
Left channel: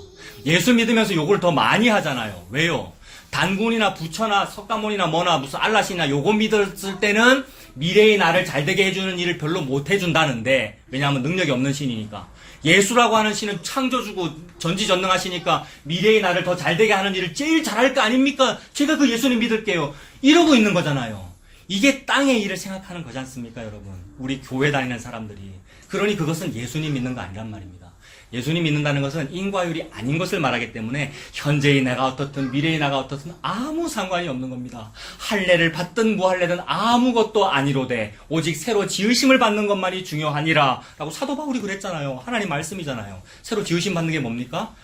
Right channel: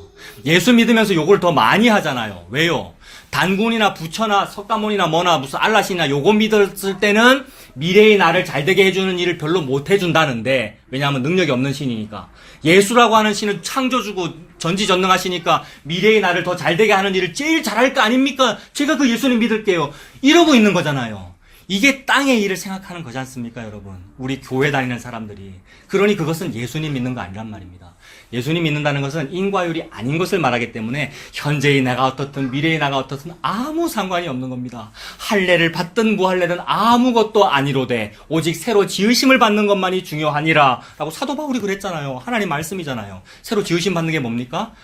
예수 믿으면서 요걸 더 많이 하잖아요. 왜요? 단군이나 부처나 석가모니나 뭐나 무슨 알라시나 요거 믿었을 때는 미래의 나를 잘되게 해주는 일을 별로 못 해준다는데, 왜냐하면 능력이 없는 신이니까. 예수라고 하는 신은 창조주고 전지전능하시니까 미래의 나를 더 잘되게 하는 일을 제일 잘할 거 아닙니까? 제가 그 예수님 믿을게요. 이러고 있는 거잖아요. 이게 땅의 일을 생각하는 거지 않습니까, 여러분? 우리 교회 다니는 사람들이. 그러니 그것은 예수님 믿는 거 아니란 말입니다. 예수님 믿는다는 것은 인과율이 아닌 것을 말하기 때문에 현재의 나가 어떻든 미래의 나가 어떻든 아무 상관이 없는 겁니다. 할례를 받든 무할례든 아무것도 아니로되 오직 새로 지으심을 받는 것만이 중요하니라 라고 사도 바울이 그랬잖아요. 하나님 말씀이잖아요. 새로 지으심 받는 게 뭡니까?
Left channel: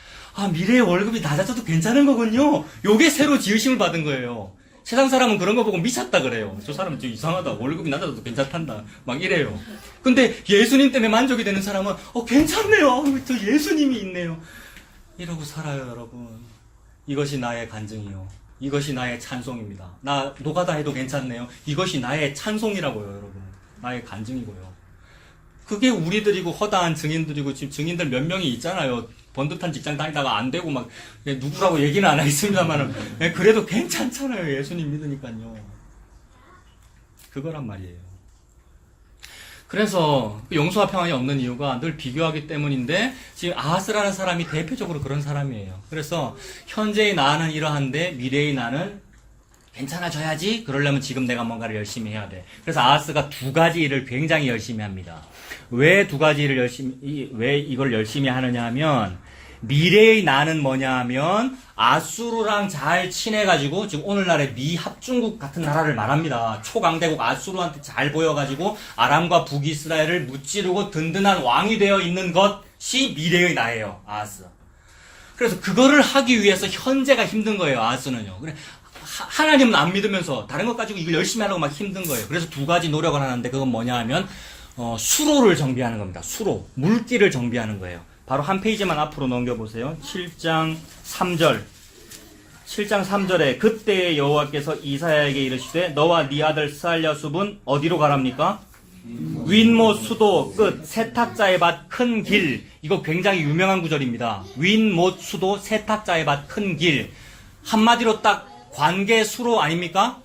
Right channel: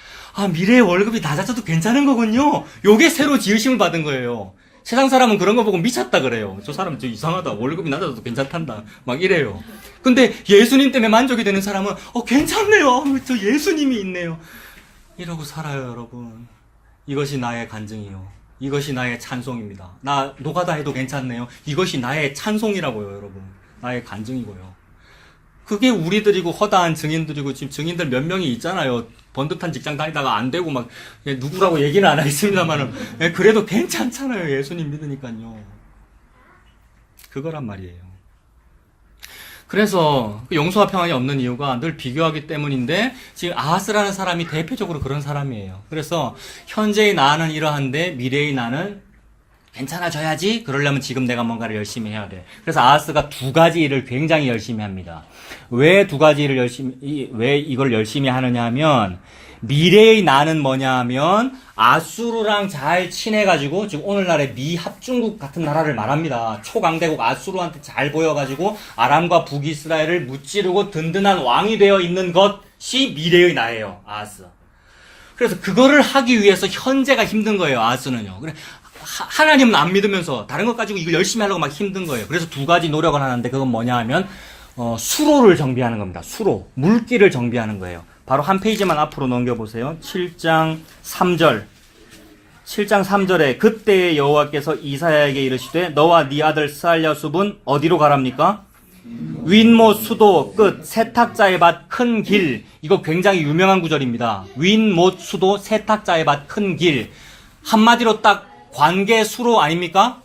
미래의 월급이 낮아져도 괜찮은 거군요. 요게 새로 지으심을 받은 거예요. 세상 사람은 그런 거 보고 미쳤다 그래요. 저 사람 좀 이상하다. 월급이 낮아도 괜찮단다. 막 이래요. 근데 예수님 때문에 만족이 되는 사람은 괜찮네요. 저 예수님이 있네요. 이러고 살아요, 여러분. 이것이 나의 간증이요. 이것이 나의 찬송입니다. 나 노가다 해도 괜찮네요. 이것이 나의 찬송이라고요, 여러분. 나의 간증이고요. 그게 우리들이고 허다한 증인들이고 지금 증인들 몇 명이 있잖아요. 번듯한 직장 다니다가 안 되고 막 누구라고 얘기는 안 하겠습니다만은 그래도 괜찮잖아요. 예수님 믿으니까요. 그거란 말이에요. 그래서 용서와 평안이 없는 이유가 늘 비교하기 때문인데 지금 아하스라는 사람이 대표적으로 그런 사람이에요. 그래서 현재의 나는 이러한데 미래의 나는 괜찮아져야지. 그러려면 지금 내가 뭔가를 열심히 해야 돼. 그래서 아하스가 두 가지 일을 굉장히 열심히 합니다. 왜 두 가지 일을 왜 이걸 열심히 하느냐 하면 미래의 나는 뭐냐 하면 아수르랑 잘 친해가지고 지금 오늘날의 미 합중국 같은 나라를 말합니다. 초강대국 아수르한테 잘 보여가지고 아람과 북이스라엘을 무찌르고 든든한 왕이 되어 있는 것이 미래의 나예요. 아하스. 그래서 그거를 하기 위해서 현재가 힘든 거예요. 아하스는요. 그래. 하나님은 안 믿으면서 다른 것 가지고 이걸 열심히 하려고 막 힘든 거예요. 그래서 두 가지 노력을 하는데 그건 뭐냐 하면 수로를 정비하는 겁니다. 수로. 물길을 정비하는 거예요. 바로 한 페이지만 앞으로 넘겨보세요. 7장 3절. 7장 3절에 그때의 여호와께서 이사야에게 이르시되 너와 네 아들 스알랴숲은 어디로 가랍니까? 윈못 수도 끝 세탁자의 밭 큰 길. 이거 굉장히 유명한 구절입니다. 윈못 수도 세탁자의 밭 큰 길. 한마디로 딱 관계 수로 아닙니까?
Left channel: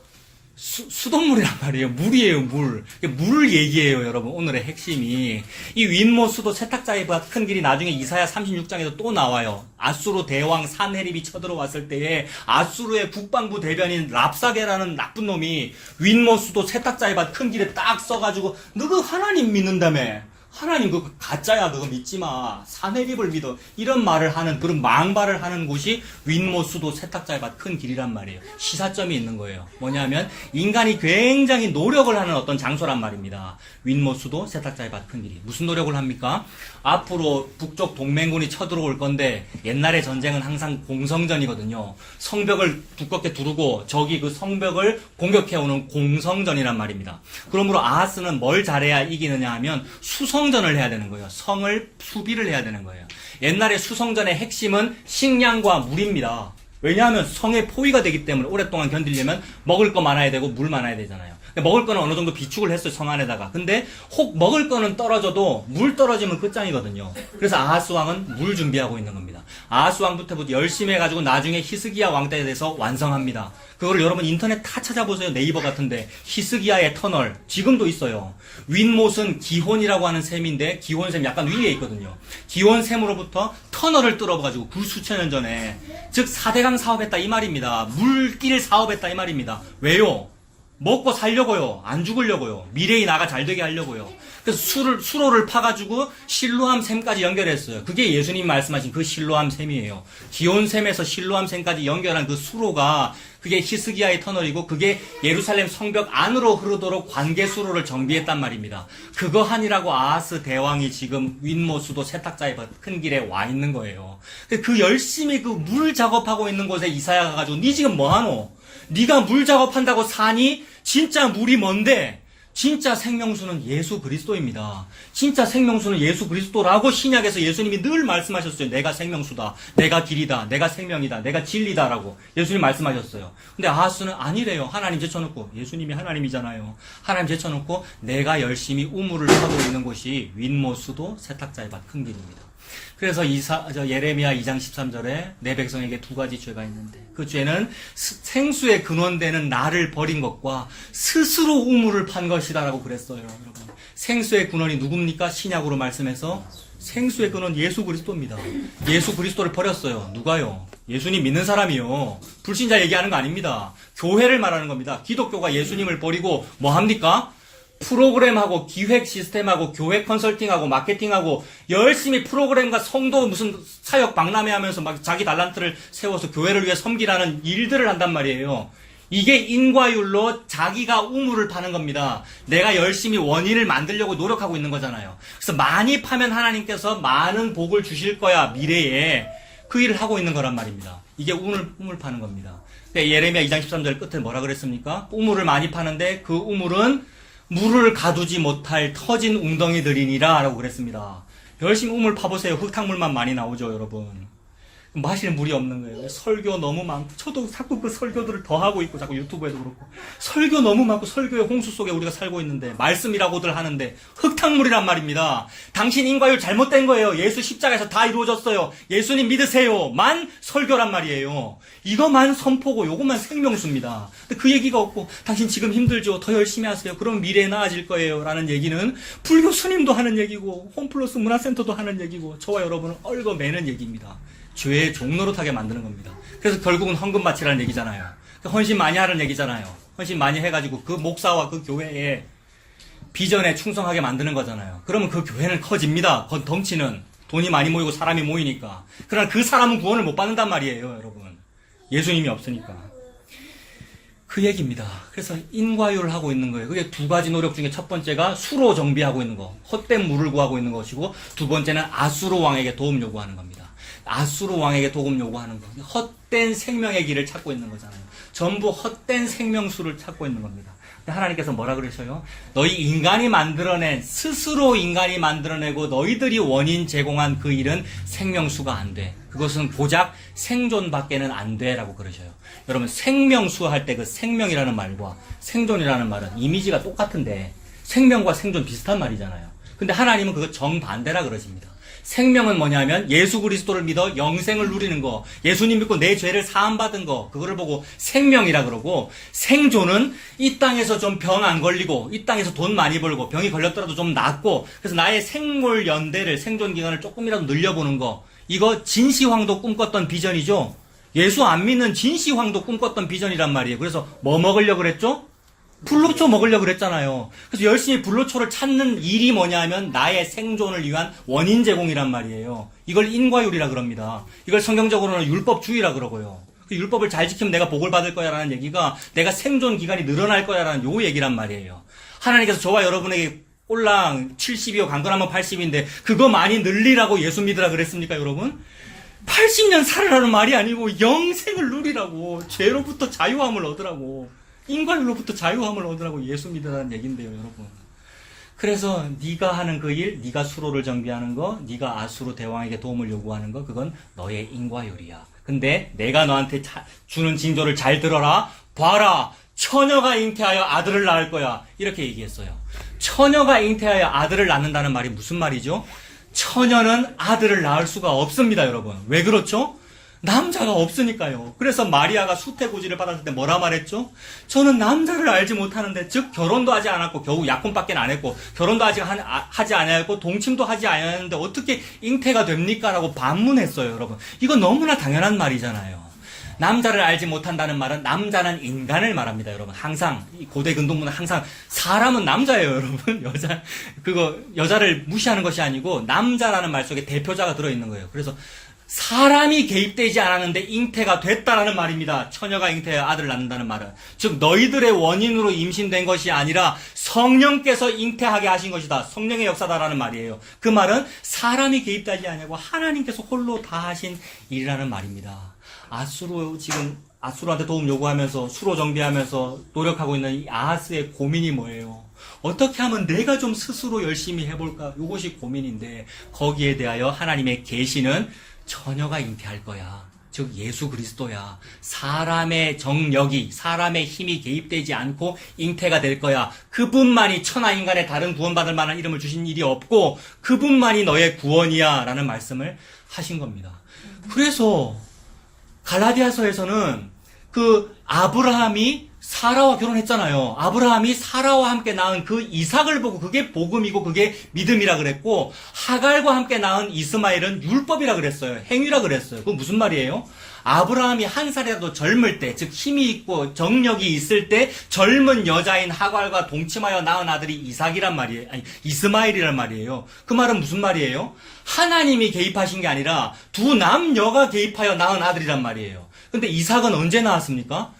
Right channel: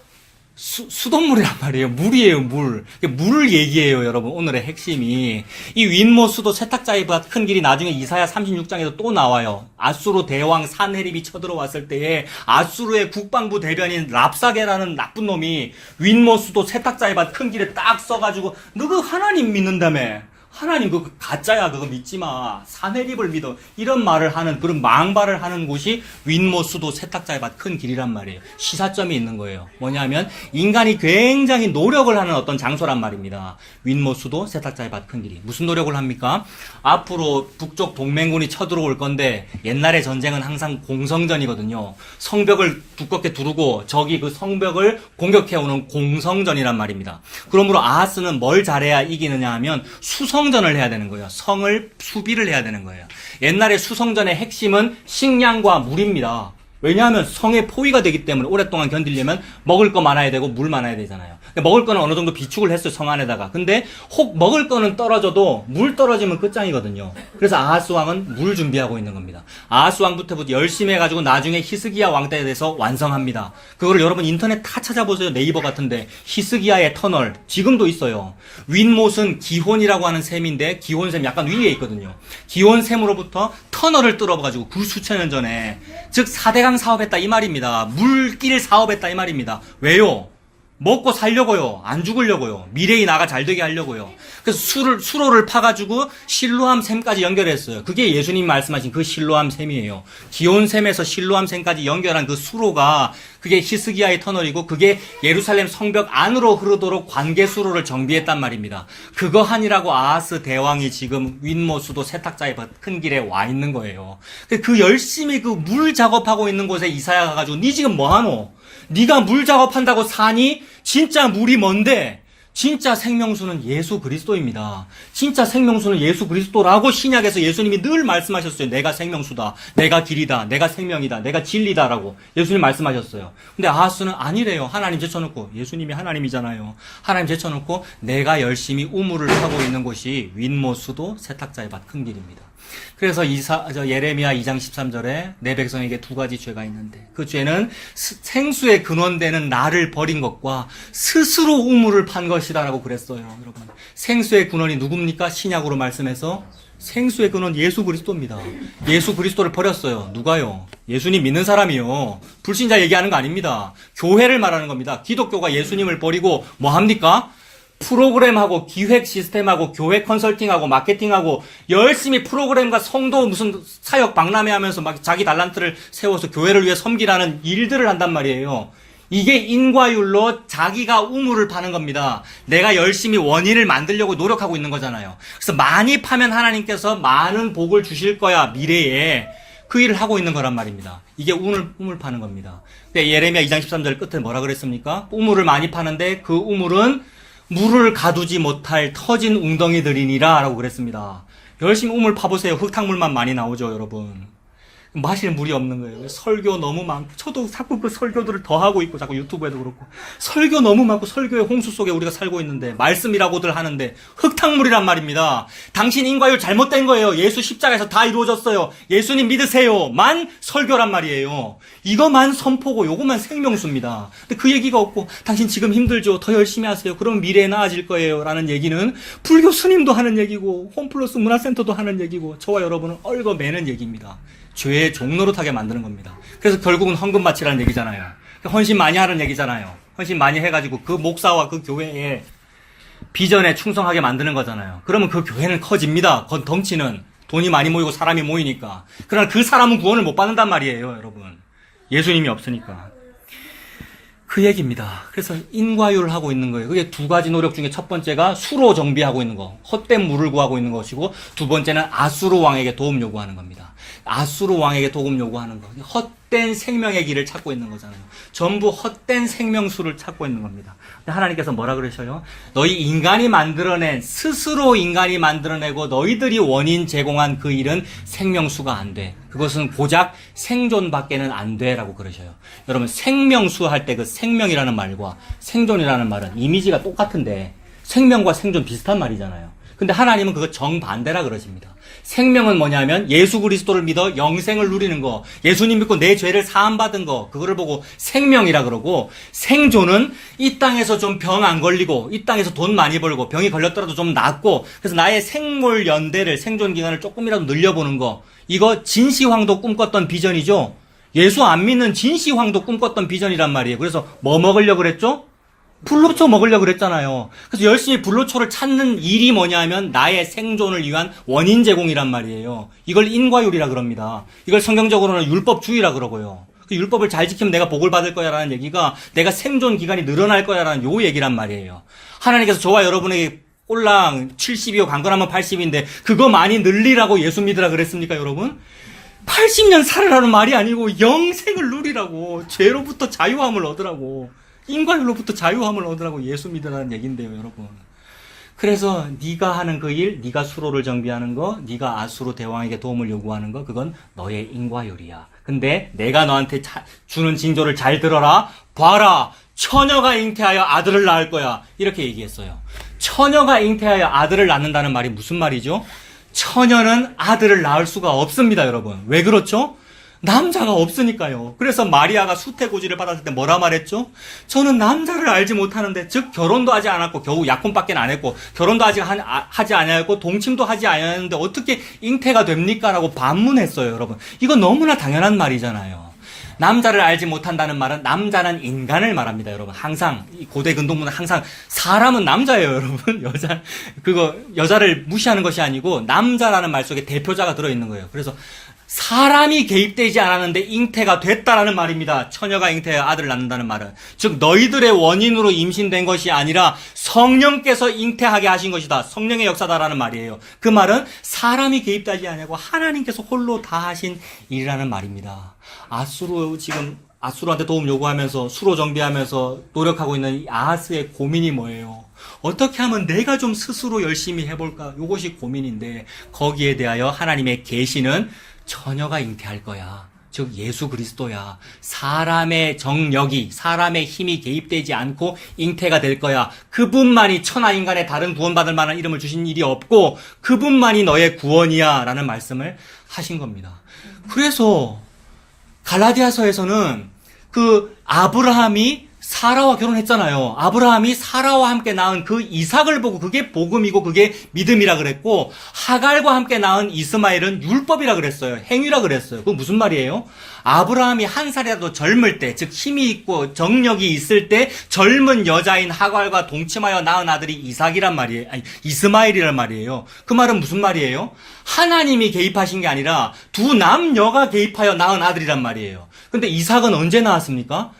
수돗물이란 말이에요. 물이에요, 물. 물을 얘기해요, 여러분. 오늘의 핵심이. 이 윈모 수도 세탁자이보다 큰 길이 나중에 이사야 36장에도 또 나와요. 아수르 대왕 산헤립이 쳐들어왔을 때에 아수르의 국방부 대변인 랍사게라는 나쁜 놈이 윈모 수도 세탁자이보다 큰 길에 딱 써가지고 너그 하나님 믿는다며. 하나님 그거 가짜야, 그거 믿지 마. 산헤립을 믿어. 이런 말을 하는, 그런 망발을 하는 곳이 윈모 수도 세탁자의 밭 큰 길이란 말이에요. 시사점이 있는 거예요. 뭐냐면 인간이 굉장히 노력을 하는 어떤 장소란 말입니다. 윈모 수도 세탁자의 밭 큰 길이. 무슨 노력을 합니까? 앞으로 북쪽 동맹군이 쳐들어올 건데 옛날의 전쟁은 항상 공성전이거든요. 성벽을 두껍게 두르고 적이 그 성벽을 공격해오는 공성전이란 말입니다. 그러므로 아하스는 뭘 잘해야 이기느냐 하면 수성전을 해야 되는 거예요. 성을 수비를 해야 되는 거예요. 옛날에 수성전의 핵심은 식량과 물입니다. 왜냐하면 성의 포위가 되기 때문에 오랫동안 견디려면 먹을 거 많아야 되고 물 많아야 되잖아요. 먹을 거는 어느 정도 비축을 했어요, 성 안에다가. 근데 혹 먹을 거는 떨어져도 물 떨어지면 끝장이거든요. 그래서 아하스 왕은 물 준비하고 있는 겁니다. 아하스 왕부터 열심히 해가지고 나중에 히스기야 왕 때에 대해서 완성합니다. 그거를 여러분 인터넷 다 찾아보세요. 네이버 같은데. 히스기야의 터널. 지금도 있어요. 윈못은 기혼이라고 하는 셈인데 기혼셈 약간 위에 있거든요. 기혼셈으로부터 터널을 뚫어가지고 그 수천 년 전에 즉 4대강 사업했다 이 말입니다. 물길 사업했다 이 말입니다. 왜요? 먹고 살려고요. 안 죽으려고요. 미래의 나가 잘 되게 하려고요. 그래서 수로를 파가지고 실로암 샘까지 연결했어요. 그게 예수님이 말씀하신 그 실로암 샘이에요. 기온샘에서 실로암 샘까지 연결한 그 수로가 그게 히스기야의 터널이고 그게 예루살렘 성벽 안으로 흐르도록 관계 수로를 정비했단 말입니다. 그거 하니라고 아하스 대왕이 지금 윈모 수도 세탁자의 큰 길에 와 있는 거예요. 그 열심히 그 물 작업하고 있는 곳에 이사야 가가지고 니 지금 뭐하노? 네가 물 작업한다고 사니? 진짜 물이 뭔데? 진짜 생명수는 예수 그리스도입니다. 진짜 생명수는 예수 그리스도라고 신약에서 예수님이 늘 말씀하셨어요. 내가 생명수다. 내가 길이다. 내가 생명이다. 내가 진리다라고 예수님 말씀하셨어요. 근데 아하스는 아니래요. 하나님 제쳐놓고. 예수님이 하나님이잖아요. 하나님 제쳐놓고 내가 열심히 우물을 하고 있는 곳이 윈모수도 세탁자의 밭 큰 길입니다. 그래서 예레미야 2장 13절에 내 백성에게 두 가지 죄가 있는데 그 죄는 생수의 근원되는 나를 버린 것과 스스로 우물을 판 것이다라고 그랬어요. 여러분, 생수의 근원이 누굽니까? 신약으로 말씀해서 생수의 근원 예수 그리스도입니다. 예수 그리스도를 버렸어요. 누가요? 예수님 믿는 사람이요. 불신자 얘기하는 거 아닙니다. 교회를 말하는 겁니다. 기독교가 예수님을 버리고 뭐 합니까? 프로그램하고 기획 시스템하고 교회 컨설팅하고 마케팅하고 열심히 프로그램과 성도 무슨 사역 박람회 하면서 막 자기 달란트를 세워서 교회를 위해 섬기라는 일들을 한단 말이에요. 이게 인과율로 자기가 우물을 파는 겁니다. 내가 열심히 원인을 만들려고 노력하고 있는 거잖아요. 그래서 많이 파면 하나님께서 많은 복을 주실 거야, 미래에. 그 일을 하고 있는 거란 말입니다. 이게 우물 파는 겁니다. 예레미야 2장 13절 끝에 뭐라 그랬습니까? 우물을 많이 파는데 그 우물은 물을 가두지 못할 터진 웅덩이들이니라 라고 그랬습니다. 열심히 우물 파보세요. 흙탕물만 많이 나오죠, 여러분. 마실 물이 없는 거예요. 설교 너무 많고, 저도 자꾸 그 설교들을 더 하고 있고, 자꾸 유튜브에도 그렇고, 설교 너무 많고, 설교의 홍수 속에 우리가 살고 있는데, 말씀이라고들 하는데, 흙탕물이란 말입니다. 당신 인과율 잘못된 거예요. 예수 십자가에서 다 이루어졌어요. 예수님 믿으세요. 만 설교란 말이에요. 이거만 선포고, 요거만 생명수입니다. 근데 그 얘기가 없고, 당신 지금 힘들죠? 더 열심히 하세요. 그럼 미래에 나아질 거예요. 라는 얘기는, 불교 스님도 하는 얘기고, 홈플러스 문화센터도 하는 얘기고, 저와 여러분은 얽어매는 얘기입니다. 죄의 종노릇하게 만드는 겁니다. 그래서 결국은 헌금 바치라는 얘기잖아요. 헌신 많이 하라는 얘기잖아요. 헌신 많이 해가지고 그 목사와 그 교회의 비전에 충성하게 만드는 거잖아요. 그러면 그 교회는 커집니다. 덩치는 돈이 많이 모이고 사람이 모이니까. 그러나 그 사람은 구원을 못 받는단 말이에요, 여러분. 예수님이 없으니까. 그 얘기입니다. 그래서 인과율을 하고 있는 거예요. 그게 두 가지 노력 중에 첫 번째가 수로 정비하고 있는 거, 헛된 물을 구하고 있는 것이고, 두 번째는 아수르 왕에게 도움 요구하는 겁니다. 아수르 왕에게 도움 요구하는 거. 헛된 생명의 길을 찾고 있는 거잖아요. 전부 헛된 생명수를 찾고 있는 겁니다. 하나님께서 뭐라 그러셔요? 너희 인간이 만들어낸, 스스로 인간이 만들어내고 너희들이 원인 제공한 그 일은 생명수가 안 돼. 그것은 고작 생존밖에는 안 돼. 라고 그러셔요. 여러분, 생명수 할 때 그 생명이라는 말과 생존이라는 말은 이미지가 똑같은데 생명과 생존 비슷한 말이잖아요. 근데 하나님은 그거 정반대라 그러십니다. 생명은 뭐냐면 예수 그리스도를 믿어 영생을 누리는 거, 예수님 믿고 내 죄를 사함받은 거, 그거를 보고 생명이라 그러고, 생존은 이 땅에서 좀 병 안 걸리고 이 땅에서 돈 많이 벌고 병이 걸렸더라도 좀 낫고, 그래서 나의 생물 연대를, 생존 기간을 조금이라도 늘려보는 거, 이거 진시황도 꿈꿨던 비전이죠. 예수 안 믿는 진시황도 꿈꿨던 비전이란 말이에요. 그래서 뭐 먹으려고 그랬죠? 불로초 먹으려고 그랬잖아요. 그래서 열심히 불로초를 찾는 일이 뭐냐면 나의 생존을 위한 원인 제공이란 말이에요. 이걸 인과율이라 그럽니다. 이걸 성경적으로는 율법주의라 그러고요. 그 율법을 잘 지키면 내가 복을 받을 거야라는 얘기가 내가 생존 기간이 늘어날 거야라는 요 얘기란 말이에요. 하나님께서 저와 여러분에게 꼴랑 70이요 강건하면 80인데 그거 많이 늘리라고 예수 믿으라 그랬습니까, 여러분? 80년 살아라는 말이 아니고 영생을 누리라고, 죄로부터 자유함을 얻으라고, 인과율로부터 자유함을 얻으라고 예수 믿으라는 얘긴데요, 여러분. 그래서 네가 하는 그 일, 네가 수로를 정비하는 거, 네가 아수르 대왕에게 도움을 요구하는 거, 그건 너의 인과율이야. 근데 내가 너한테 주는 징조를 잘 들어라. 봐라, 처녀가 잉태하여 아들을 낳을 거야. 이렇게 얘기했어요. 처녀가 잉태하여 아들을 낳는다는 말이 무슨 말이죠? 처녀는 아들을 낳을 수가 없습니다, 여러분. 왜 그렇죠? 남자가 없으니까요. 그래서 마리아가 수태고지를 받았을 때 뭐라 말했죠? 저는 남자를 알지 못하는데, 즉 결혼도 하지 않았고 겨우 약혼밖에 안 했고 결혼도 아직 하지 않았고 동침도 하지 않았는데 어떻게 잉태가 됩니까? 라고 반문했어요, 여러분. 이거 너무나 당연한 말이잖아요. 남자를 알지 못한다는 말은 남자는 인간을 말합니다, 여러분. 항상 이 고대 근동문은 항상 사람은 남자예요, 여러분. 여자를 무시하는 것이 아니고 남자라는 말 속에 대표자가 들어있는 거예요. 그래서 사람이 개입되지 않았는데 잉태가 됐다라는 말입니다. 처녀가 잉태하여 아들을 낳는다는 말은. 즉 너희들의 원인으로 임신된 것이 아니라 성령께서 잉태하게 하신 것이다. 성령의 역사다라는 말이에요. 그 말은 사람이 개입되지 않고 하나님께서 홀로 다 하신 일이라는 말입니다. 아수르한테 도움 요구하면서 수로 정비하면서 노력하고 있는 이 아하스의 고민이 뭐예요? 어떻게 하면 내가 좀 스스로 열심히 해볼까? 이것이 고민인데, 거기에 대하여 하나님의 계시는 처녀가 잉태할 거야. 즉 예수 그리스도야. 사람의 정력이, 사람의 힘이 개입되지 않고 잉태가 될 거야. 그분만이 천하 인간의 다른 구원받을 만한 이름을 주신 일이 없고 그분만이 너의 구원이야 라는 말씀을 하신 겁니다. 그래서 갈라디아서에서는 그 아브라함이 사라와 결혼했잖아요. 아브라함이 사라와 함께 낳은 그 이삭을 보고 그게 복음이고 그게 믿음이라 그랬고, 하갈과 함께 낳은 이스마엘은 율법이라 그랬어요. 행위라 그랬어요. 그건 무슨 말이에요? 아브라함이 한 살이라도 젊을 때, 즉 힘이 있고 정력이 있을 때 젊은 여자인 하갈과 동침하여 낳은 아들이 이삭이란 말이에요. 아니, 이스마엘이란 말이에요. 그 말은 무슨 말이에요? 하나님이 개입하신 게 아니라 두 남녀가 개입하여 낳은 아들이란 말이에요. 근데 이삭은 언제 나왔습니까?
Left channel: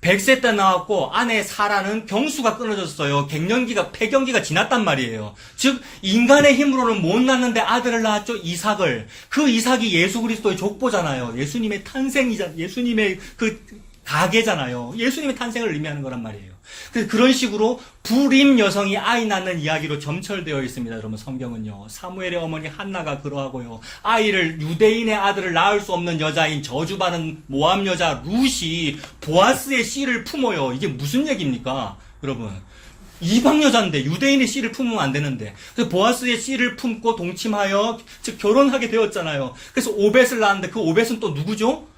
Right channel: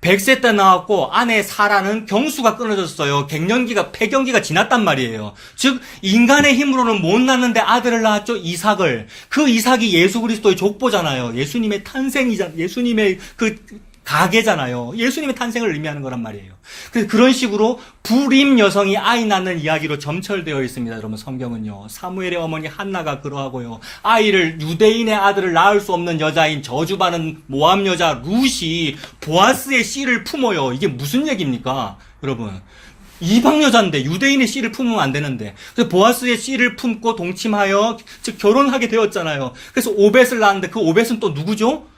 100세 때 나왔고 아내 사라는 경수가 끊어졌어요. 폐경기가 지났단 말이에요. 즉 인간의 힘으로는 못 낳는데 아들을 낳았죠. 이삭을. 그 이삭이 예수 그리스도의 족보잖아요. 예수님의 예수님의 그 가계잖아요. 예수님의 탄생을 의미하는 거란 말이에요. 그런 식으로 불임 여성이 아이 낳는 이야기로 점철되어 있습니다. 여러분, 성경은요. 사무엘의 어머니 한나가 그러하고요. 유대인의 아들을 낳을 수 없는 여자인 저주받은 모압 여자 룻이 보아스의 씨를 품어요. 이게 무슨 얘기입니까? 여러분. 이방 여자인데 유대인의 씨를 품으면 안 되는데, 그래서 보아스의 씨를 품고 동침하여 즉 결혼하게 되었잖아요. 그래서 오벳을 낳았는데 그 오벳은 또 누구죠?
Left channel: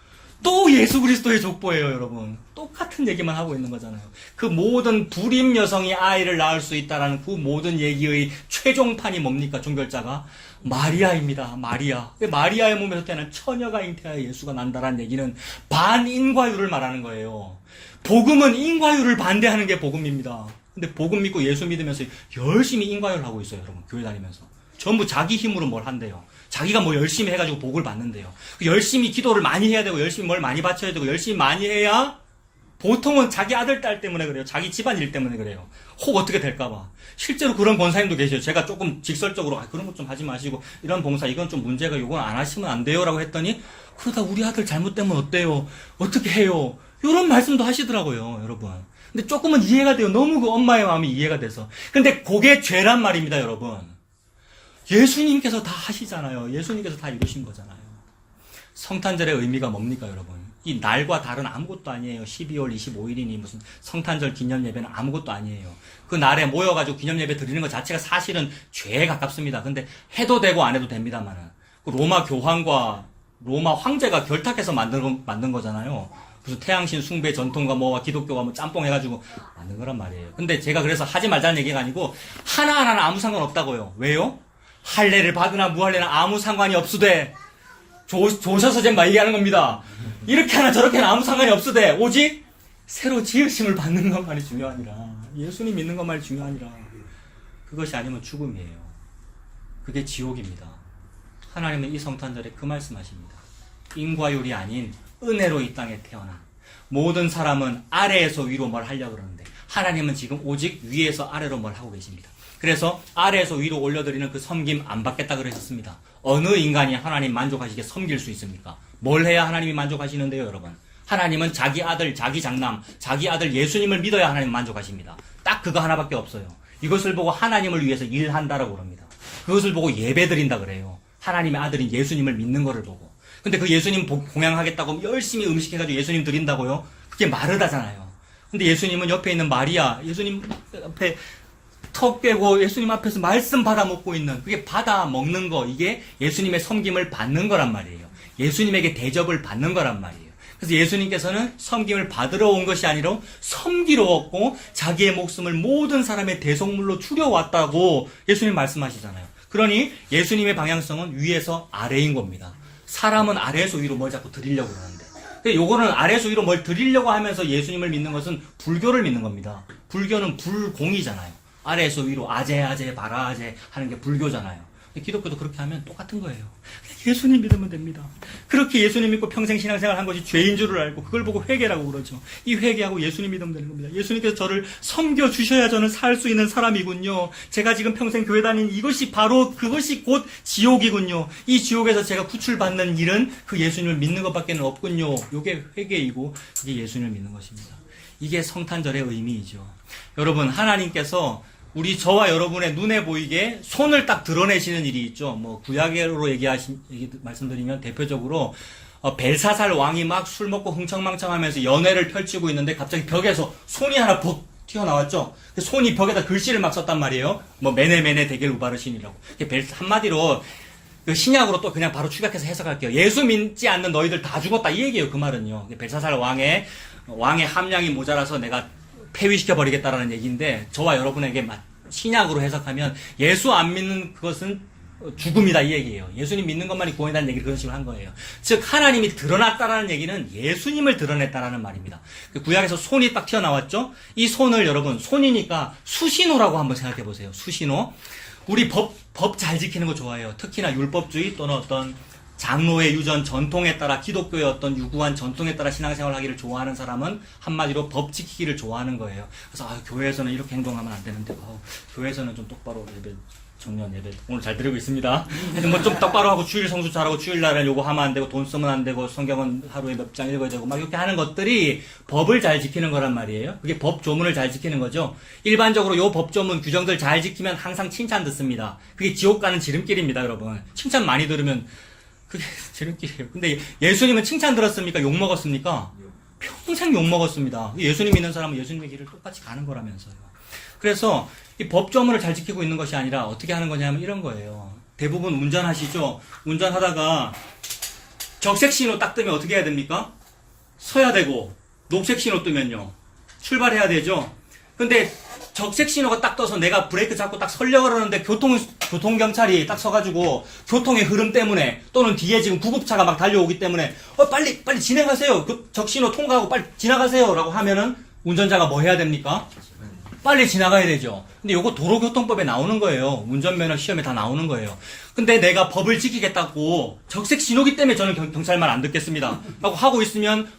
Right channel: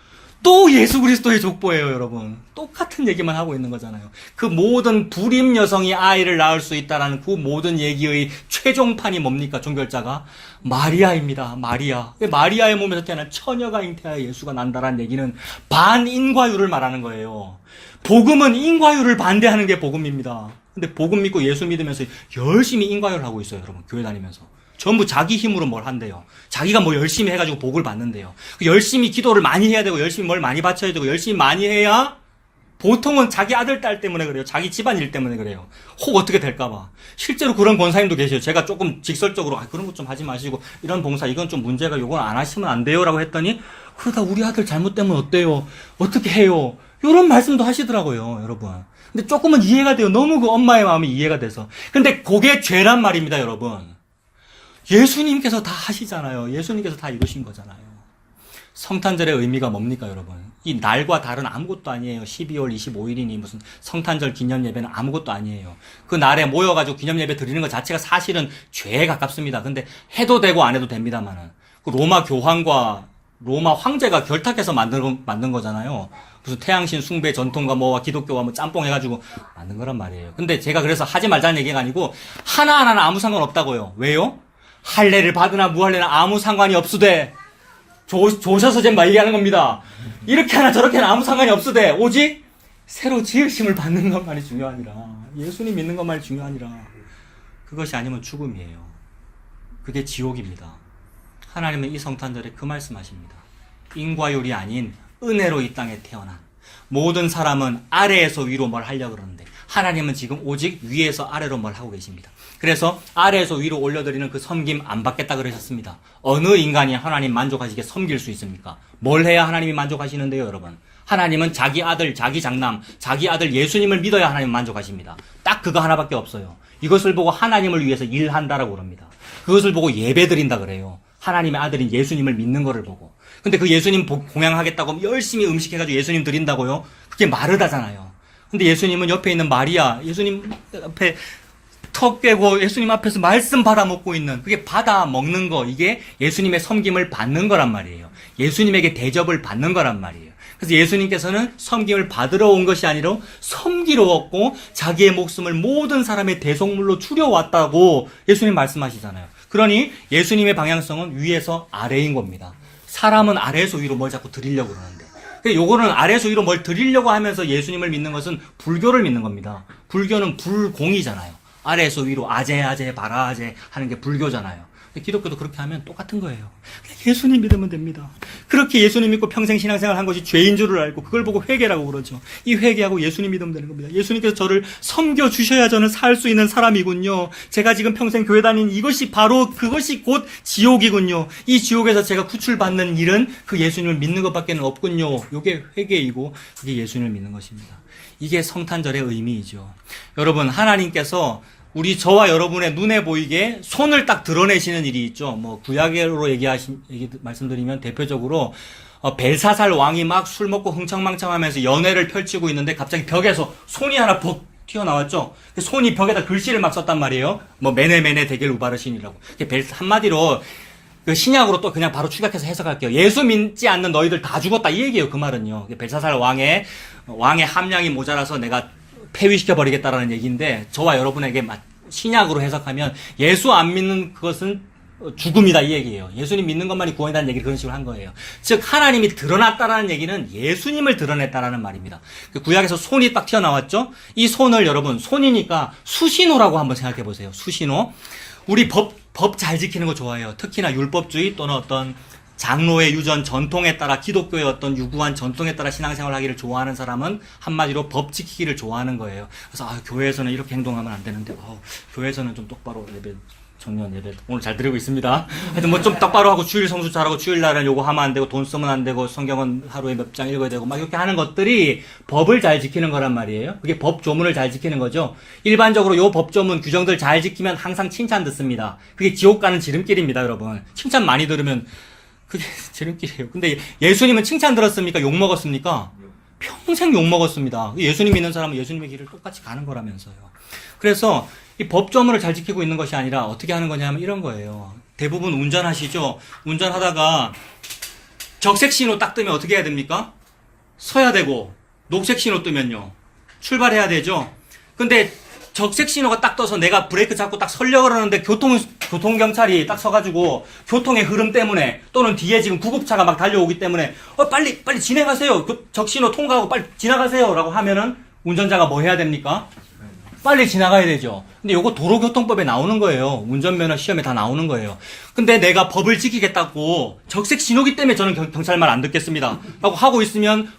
또 예수 그리스도의 족보예요, 여러분. 똑같은 얘기만 하고 있는 거잖아요. 그 모든 불임 여성이 아이를 낳을 수 있다는 그 모든 얘기의 최종판이 뭡니까? 종결자가 마리아입니다. 마리아. 마리아의 몸에서 태어난 처녀가 잉태하여 예수가 난다라는 얘기는 반인과율을 말하는 거예요. 복음은 인과율을 반대하는 게 복음입니다. 근데 복음 믿고 예수 믿으면서 열심히 인과율을 하고 있어요, 여러분. 교회 다니면서. 전부 자기 힘으로 뭘 한대요. 자기가 뭐 열심히 해가지고 복을 받는데요. 열심히 기도를 많이 해야 되고, 열심히 뭘 많이 바쳐야 되고, 열심히 많이 해야, 보통은 자기 아들, 딸 때문에 그래요. 자기 집안 일 때문에 그래요. 혹 어떻게 될까봐. 실제로 그런 권사님도 계세요. 제가 조금 직설적으로, 그런 것 좀 하지 마시고, 이런 봉사, 이건 좀 문제가, 이건 안 하시면 안 돼요. 라고 했더니, 그러다 우리 아들 잘못되면 어때요? 어떻게 해요? 이런 말씀도 하시더라고요, 여러분. 근데 조금은 이해가 돼요. 너무 그 엄마의 마음이 이해가 돼서. 근데 그게 죄란 말입니다, 여러분. 예수님께서 다 하시잖아요. 예수님께서 다 이루신 거잖아요. 성탄절의 의미가 뭡니까, 여러분? 이 날과 달은 아무것도 아니에요. 12월 25일이니 무슨 성탄절 기념예배는 아무것도 아니에요. 그 날에 모여가지고 기념예배 드리는 것 자체가 사실은 죄에 가깝습니다. 근데 해도 되고 안 해도 됩니다만은. 그 로마 교황과 로마 황제가 결탁해서 만든 거잖아요. 무슨 태양신 숭배 전통과 뭐와 기독교가 뭐 짬뽕 해가지고 만든 거란 말이에요. 근데 제가 그래서 하지 말자는 얘기가 아니고 하나하나는 아무 상관없다고요. 왜요? 할례를 받으나 무할례나 아무 상관이 없으되 조셔서 막 얘기하는 겁니다. 이렇게 하나 저렇게 하나 아무 상관이 없으되 오직 새로 지으심을 받는 것만이 중요하니라. 예수님 믿는 것만이 중요하니라. 그것이 아니면 죽음이에요. 그게 지옥입니다. 하나님은 이 성탄절에 그 말씀하십니다. 인과율이 아닌 은혜로 이 땅에 태어난 모든 사람은 아래에서 위로 뭘 하려고 그러는데 하나님은 지금 오직 위에서 아래로 뭘 하고 계십니다. 그래서 아래에서 위로 올려드리는 그 섬김 안 받겠다 그러셨습니다. 어느 인간이 하나님 만족하시게 섬길 수 있습니까? 뭘 해야 하나님이 만족하시는데요, 여러분? 하나님은 자기 아들, 자기 장남, 자기 아들 예수님을 믿어야 하나님 만족하십니다. 딱 그거 하나밖에 없어요. 이것을 보고 하나님을 위해서 일한다라고 그럽니다. 그것을 보고 예배드린다 그래요. 하나님의 아들인 예수님을 믿는 거를 보고. 근데 그 예수님 공양하겠다고 열심히 음식해가지고 예수님 드린다고요? 그게 마르다잖아요. 근데 예수님은 옆에 있는 마리아, 예수님 앞에 턱 깨고 예수님 앞에서 말씀 받아먹고 있는, 그게 받아 먹는 거, 이게 예수님의 섬김을 받는 거란 말이에요. 예수님에게 대접을 받는 거란 말이에요. 그래서 예수님께서는 섬김을 받으러 온 것이 아니라 섬기러 왔고 자기의 목숨을 모든 사람의 대속물로 추려왔다고 예수님 말씀하시잖아요. 그러니 예수님의 방향성은 위에서 아래인 겁니다. 사람은 아래에서 위로 뭘 자꾸 드리려고 그러는데, 요거는 아래에서 위로 뭘 드리려고 하면서 예수님을 믿는 것은 불교를 믿는 겁니다. 불교는 불공이잖아요. 아래에서 위로 아제 바라아제 하는 게 불교잖아요. 기독교도 그렇게 하면 똑같은 거예요. 예수님 믿으면 됩니다. 그렇게 예수님 믿고 평생 신앙생활 한 것이 죄인 줄을 알고 그걸 보고 회개라고 그러죠. 이 회개하고 예수님 믿으면 되는 겁니다. 예수님께서 저를 섬겨주셔야 저는 살 수 있는 사람이군요. 제가 지금 평생 교회 다닌 이것이 바로 그것이 곧 지옥이군요. 이 지옥에서 제가 구출받는 일은 그 예수님을 믿는 것밖에 없군요. 이게 회개이고 이게 예수님을 믿는 것입니다. 이게 성탄절의 의미이죠. 여러분, 하나님께서 우리 저와 여러분의 눈에 보이게 손을 딱 드러내시는 일이 있죠. 뭐 구약으로 말씀드리면 대표적으로 벨사살 왕이 막 술 먹고 흥청망청하면서 연회를 펼치고 있는데 갑자기 벽에서 손이 하나 푹 튀어나왔죠. 그 손이 벽에다 글씨를 막 썼단 말이에요. 뭐 메네메네 데겔 우바르신이라고. 한마디로 그 신약으로 또 그냥 바로 추격해서 해석할게요. 예수 믿지 않는 너희들 다 죽었다 이 얘기예요. 그 말은요. 벨사살 왕의 함량이 모자라서 내가 폐위시켜버리겠다라는 얘기인데, 저와 여러분에게 신약으로 해석하면 예수 안 믿는 그것은 죽음이다 이 얘기예요. 예수님 믿는 것만이 구원이라는 얘기를 그런 식으로 한 거예요. 즉 하나님이 드러났다라는 얘기는 예수님을 드러냈다라는 말입니다. 구약에서 손이 딱 튀어나왔죠. 이 손을 여러분, 손이니까 수신호라고 한번 생각해 보세요. 수신호. 우리 법 잘 지키는 거 좋아해요. 특히나 율법주의 또는 어떤 장로의 유전 전통에 따라, 기독교의 어떤 유구한 전통에 따라 신앙생활 하기를 좋아하는 사람은 한마디로 법 지키기를 좋아하는 거예요. 그래서 교회에서는 이렇게 행동하면 안 되는데 교회에서는 좀 똑바로 예배, 정년 예배 오늘 잘 드리고 있습니다. 하여튼 뭐 좀 똑바로 하고 주일 성수 잘하고 주일날은 요거 하면 안 되고 돈 쓰면 안 되고 성경은 하루에 몇 장 읽어야 되고 막 이렇게 하는 것들이 법을 잘 지키는 거란 말이에요. 그게 법 조문을 잘 지키는 거죠. 일반적으로 요 법 조문 규정들 잘 지키면 항상 칭찬 듣습니다. 그게 지옥 가는 지름길입니다, 여러분. 칭찬 많이 들으면 그게 지름길이에요. 근데 예수님은 칭찬 들었습니까? 욕 먹었습니까? 평생 욕 먹었습니다. 예수님 믿는 사람은 예수님의 길을 똑같이 가는 거라면서요. 그래서 이 법조문을 잘 지키고 있는 것이 아니라 어떻게 하는 거냐면 이런 거예요. 대부분 운전하시죠? 운전하다가 적색 신호 딱 뜨면 어떻게 해야 됩니까? 서야 되고, 녹색 신호 뜨면요, 출발해야 되죠? 근데 적색 신호가 딱 떠서 내가 브레이크 잡고 딱 서려고 그러는데 교통경찰이 딱 서가지고 교통의 흐름 때문에 또는 뒤에 지금 구급차가 막 달려오기 때문에 빨리 진행하세요. 적신호 통과하고 빨리 지나가세요. 라고 하면은 운전자가 뭐 해야 됩니까? 빨리 지나가야 되죠. 근데 요거 도로교통법에 나오는 거예요. 운전면허 시험에 다 나오는 거예요. 근데 내가 법을 지키겠다고 적색 신호기 때문에 저는 경찰 말 안 듣겠습니다. 라고 하고 있으면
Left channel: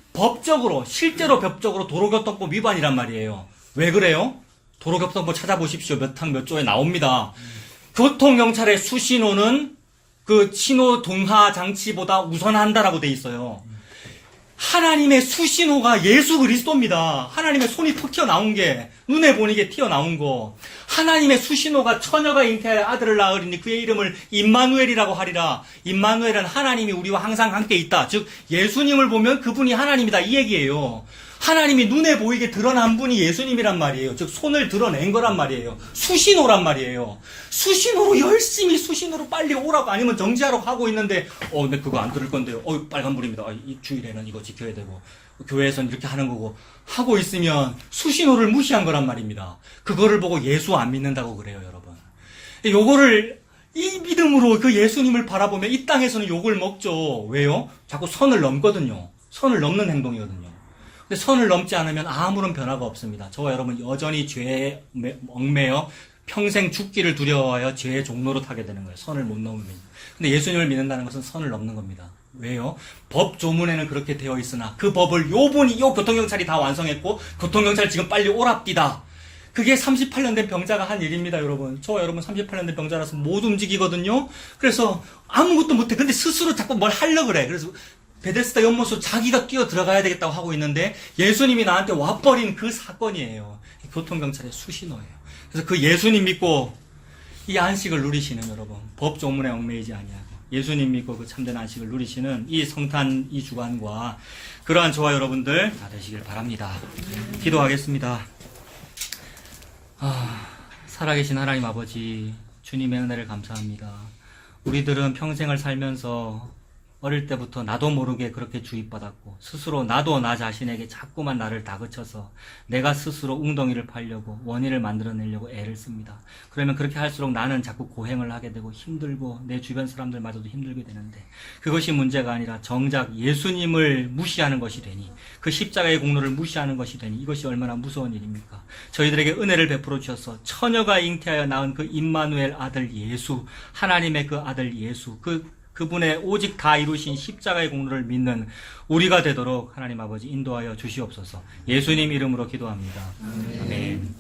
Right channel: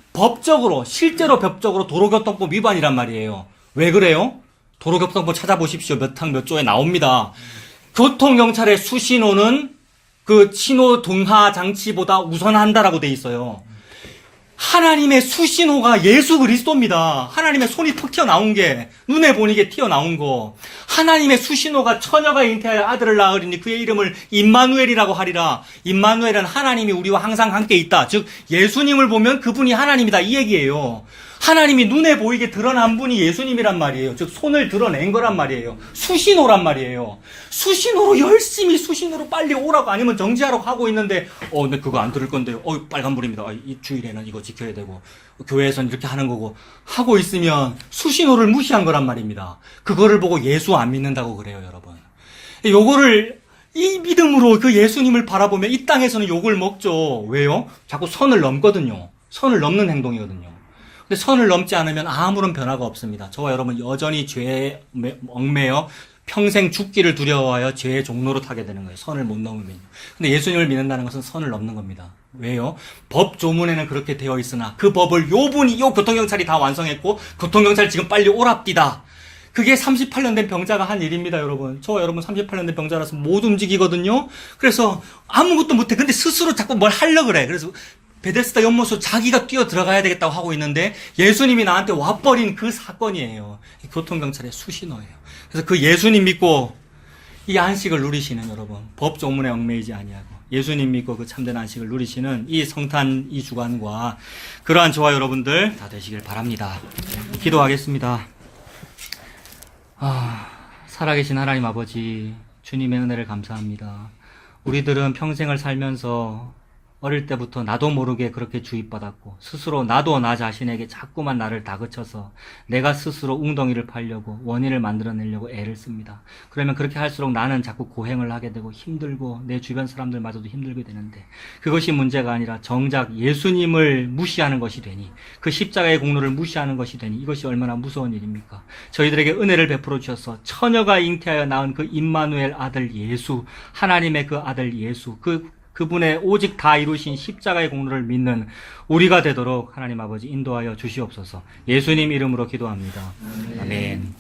실제로 법적으로 도로교통법 위반이란 말이에요. 왜 그래요? 도로교통법 찾아보십시오. 몇 항 몇 조에 나옵니다. 교통경찰의 수신호는 그 신호 등하 장치보다 우선한다라고 돼 있어요. 하나님의 수신호가 예수 그리스도입니다. 하나님의 손이 툭 튀어나온 게, 눈에 보이게 튀어나온 거. 하나님의 수신호가 처녀가 잉태하여 아들을 낳으리니 그의 이름을 임마누엘이라고 하리라. 임마누엘은 하나님이 우리와 항상 함께 있다. 즉 예수님을 보면 그분이 하나님이다 이 얘기예요. 하나님이 눈에 보이게 드러난 분이 예수님이란 말이에요. 즉 손을 드러낸 거란 말이에요. 수신호란 말이에요. 수신호로 열심히 수신호로 빨리 오라고 아니면 정지하라고 하고 있는데 네 그거 안 들을 건데요. 빨간불입니다. 이 주일에는 이거 지켜야 되고 교회에서는 이렇게 하는 거고 하고 있으면 수신호를 무시한 거란 말입니다. 그거를 보고 예수 안 믿는다고 그래요, 여러분. 요거를 이 믿음으로 그 예수님을 바라보면 이 땅에서는 욕을 먹죠. 왜요? 자꾸 선을 넘거든요. 선을 넘는 행동이거든요. 근데 선을 넘지 않으면 아무런 변화가 없습니다. 저와 여러분 여전히 죄에 얽매여 평생 죽기를 두려워하여 죄의 종로로 타게 되는 거예요. 선을 못 넘으면. 근데 예수님을 믿는다는 것은 선을 넘는 겁니다. 왜요? 법 조문에는 그렇게 되어 있으나 그 법을 요 교통경찰이 다 완성했고 교통경찰 지금 빨리 오랍디다. 그게 38년 된 병자가 한 일입니다, 여러분. 저와 여러분 38년 된 병자라서 못 움직이거든요. 그래서 아무것도 못해. 근데 스스로 자꾸 뭘 하려고 그래. 그래서 베데스다 연못으로 자기가 뛰어 들어가야 되겠다고 하고 있는데 예수님이 나한테 와버린 그 사건이에요. 교통경찰의 수신호예요. 그래서 그 예수님 믿고 이 안식을 누리시는 여러분, 법 조문에 얽매이지 아니하고 예수님 믿고 그 참된 안식을 누리시는 이 성탄 이 주간과 그러한 저와 여러분들 다 되시길 바랍니다. 기도하겠습니다. 살아계신 하나님 아버지, 주님의 은혜를 감사합니다. 우리들은 평생을 살면서 어릴 때부터 나도 모르게 그렇게 주입받았고 스스로 나도 나 자신에게 자꾸만 나를 다그쳐서 내가 스스로 웅덩이를 파려고 원인을 만들어내려고 애를 씁니다. 그러면 그렇게 할수록 나는 자꾸 고행을 하게 되고 힘들고 내 주변 사람들마저도 힘들게 되는데 그것이 문제가 아니라 정작 예수님을 무시하는 것이 되니 그 십자가의 공로를 무시하는 것이 되니 이것이 얼마나 무서운 일입니까? 저희들에게 은혜를 베풀어 주셔서 처녀가 잉태하여 낳은 그 임마누엘 아들 예수, 하나님의 그 아들 예수, 그분의 오직 다 이루신 십자가의 공로를 믿는 우리가 되도록 하나님 아버지 인도하여 주시옵소서. 예수님 이름으로 기도합니다. 아멘.